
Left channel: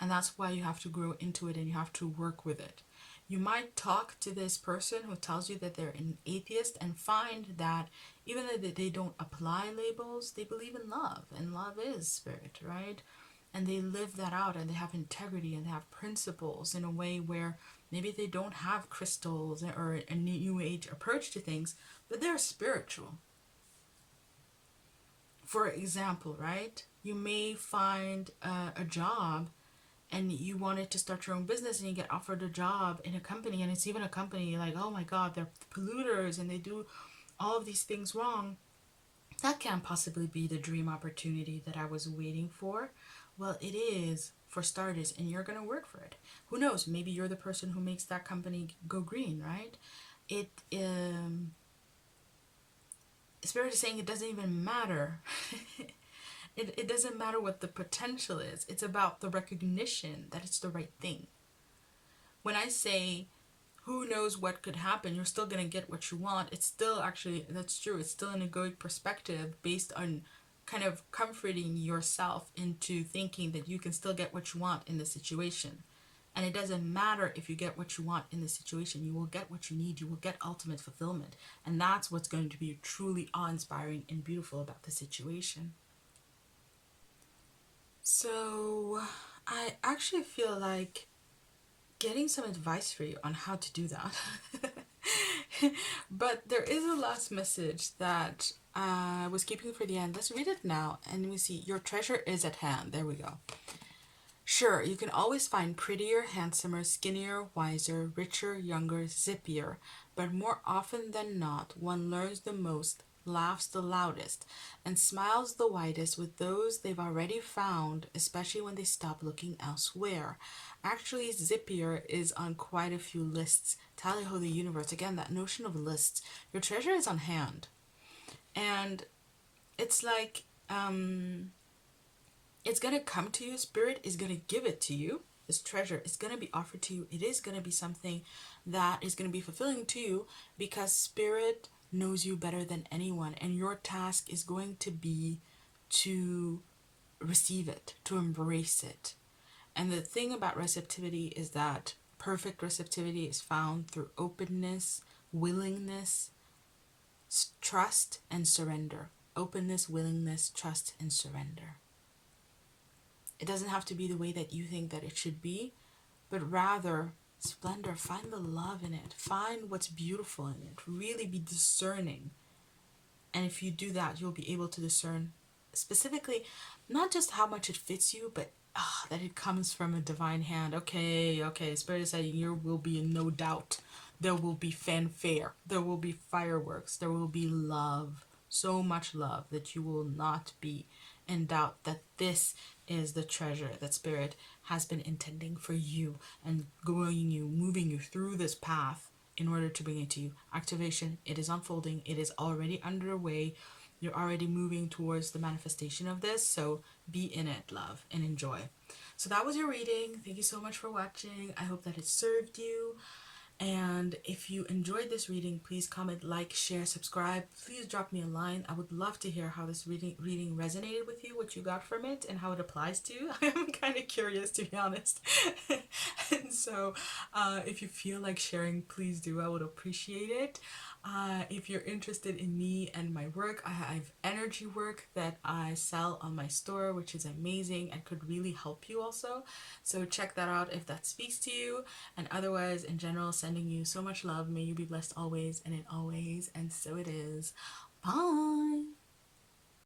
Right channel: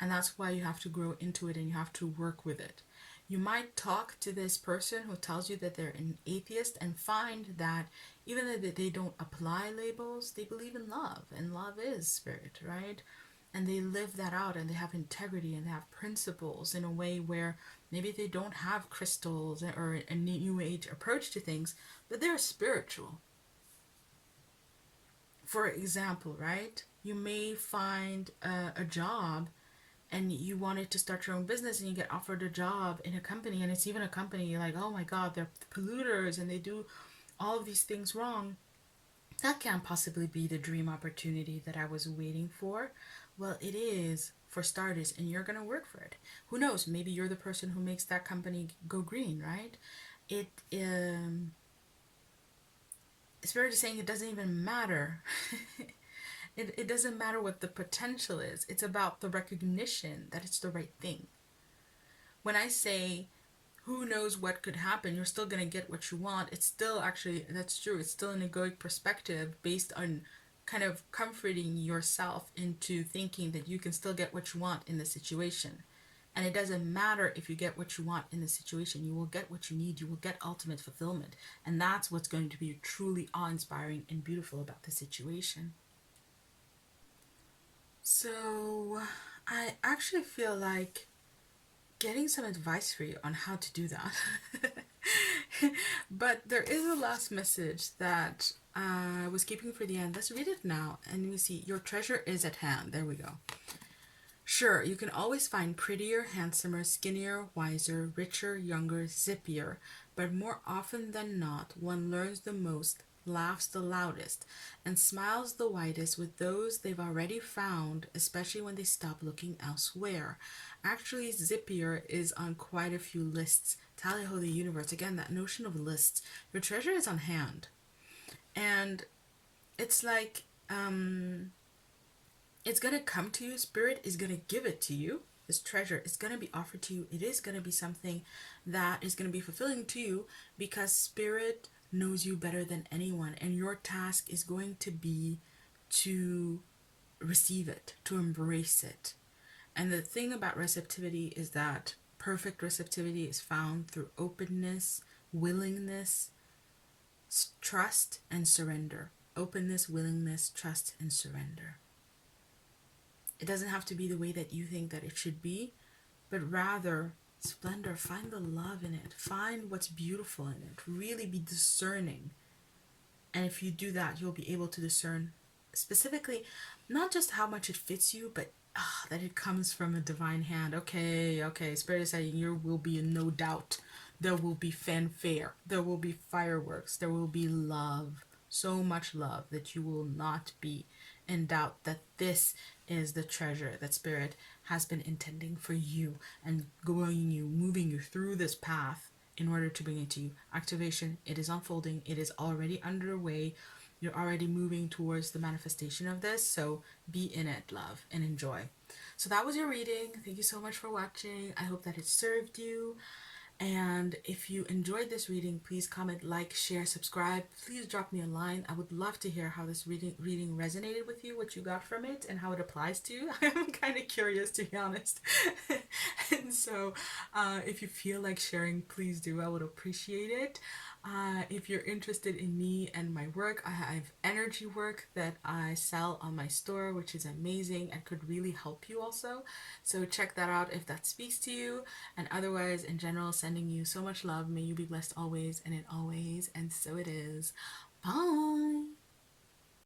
And that's why you have to grow into it, and you have to work with it. You might talk to this person who tells you that they're an atheist and find that even though they don't apply labels, they believe in love, and love is spirit, right? And they live that out, and they have integrity, and they have principles in a way where maybe they don't have crystals or a new age approach to things, but they're spiritual. For example, right? You may find a job, and you wanted to start your own business, and you get offered a job in a company, and it's even a company like, oh my God, they're polluters and they do all of these things wrong. That can't possibly be the dream opportunity that I was waiting for. Well, it is, for starters, and you're going to work for it. Who knows? Maybe you're the person who makes that company go green, right? Spirit is saying it doesn't even matter. It doesn't matter what the potential is. It's about the recognition that it's the right thing. When I say, who knows what could happen, you're still going to get what you want. It's still actually, that's true. It's still an egoic perspective based on kind of comforting yourself into thinking that you can still get what you want in the situation. And it doesn't matter if you get what you want in the situation. You will get what you need. You will get ultimate fulfillment. And that's what's going to be truly awe-inspiring and beautiful about the situation. So I actually feel like getting some advice for you on how to do that. But there is a last message that I was keeping for the end. Let's read it now. And we see, your treasure is at hand. There we go. Sure, you can always find prettier, handsomer, skinnier, wiser, richer, younger, zippier. But more often than not, one learns the most, laughs the loudest, and smiles the widest with those they've already found, especially when they stop looking elsewhere. Actually, zippier is on quite a few lists. Tally ho, the universe. Again, that notion of lists. Your treasure is on hand. And it's like, it's going to come to you. Spirit is going to give it to you. This treasure is going to be offered to you. It is going to be something that is going to be fulfilling to you, because Spirit knows you better than anyone, and your task is going to be to receive it, to embrace it. And the thing about receptivity is that perfect receptivity is found through openness, willingness, trust, and surrender. Openness, willingness, trust, and surrender. It doesn't have to be the way that you think that it should be, but rather splendor. Find the love in it. Find what's beautiful in it. Really be discerning. And if you do that, you'll be able to discern specifically not just how much it fits you, but that it comes from a divine hand. Okay, Spirit is saying there will be no doubt. There will be fanfare. There will be fireworks. There will be love. So much love that you will not be in doubt that this is the treasure that Spirit has been intending for you and growing you, moving you through this path in order to bring it to you. Activation, it is unfolding. It is already underway. You're already moving towards the manifestation of this. So be in it, love, and enjoy. So that was your reading. Thank you so much for watching. I hope that it served you. And if you enjoyed this reading, please comment, like, share, subscribe. Please drop me a line. I would love to hear how this reading resonated with you, what you got from it, and how it applies to you. I'm kind of curious, to be honest. And so if you feel like sharing, please do. I would appreciate it. If you're interested in me and my work, I have energy work that I sell on my store, which is amazing and could really help you also. So check that out if that speaks to you. And otherwise, in general, sending you so much love. May you be blessed always and in always. And so it is. Bye.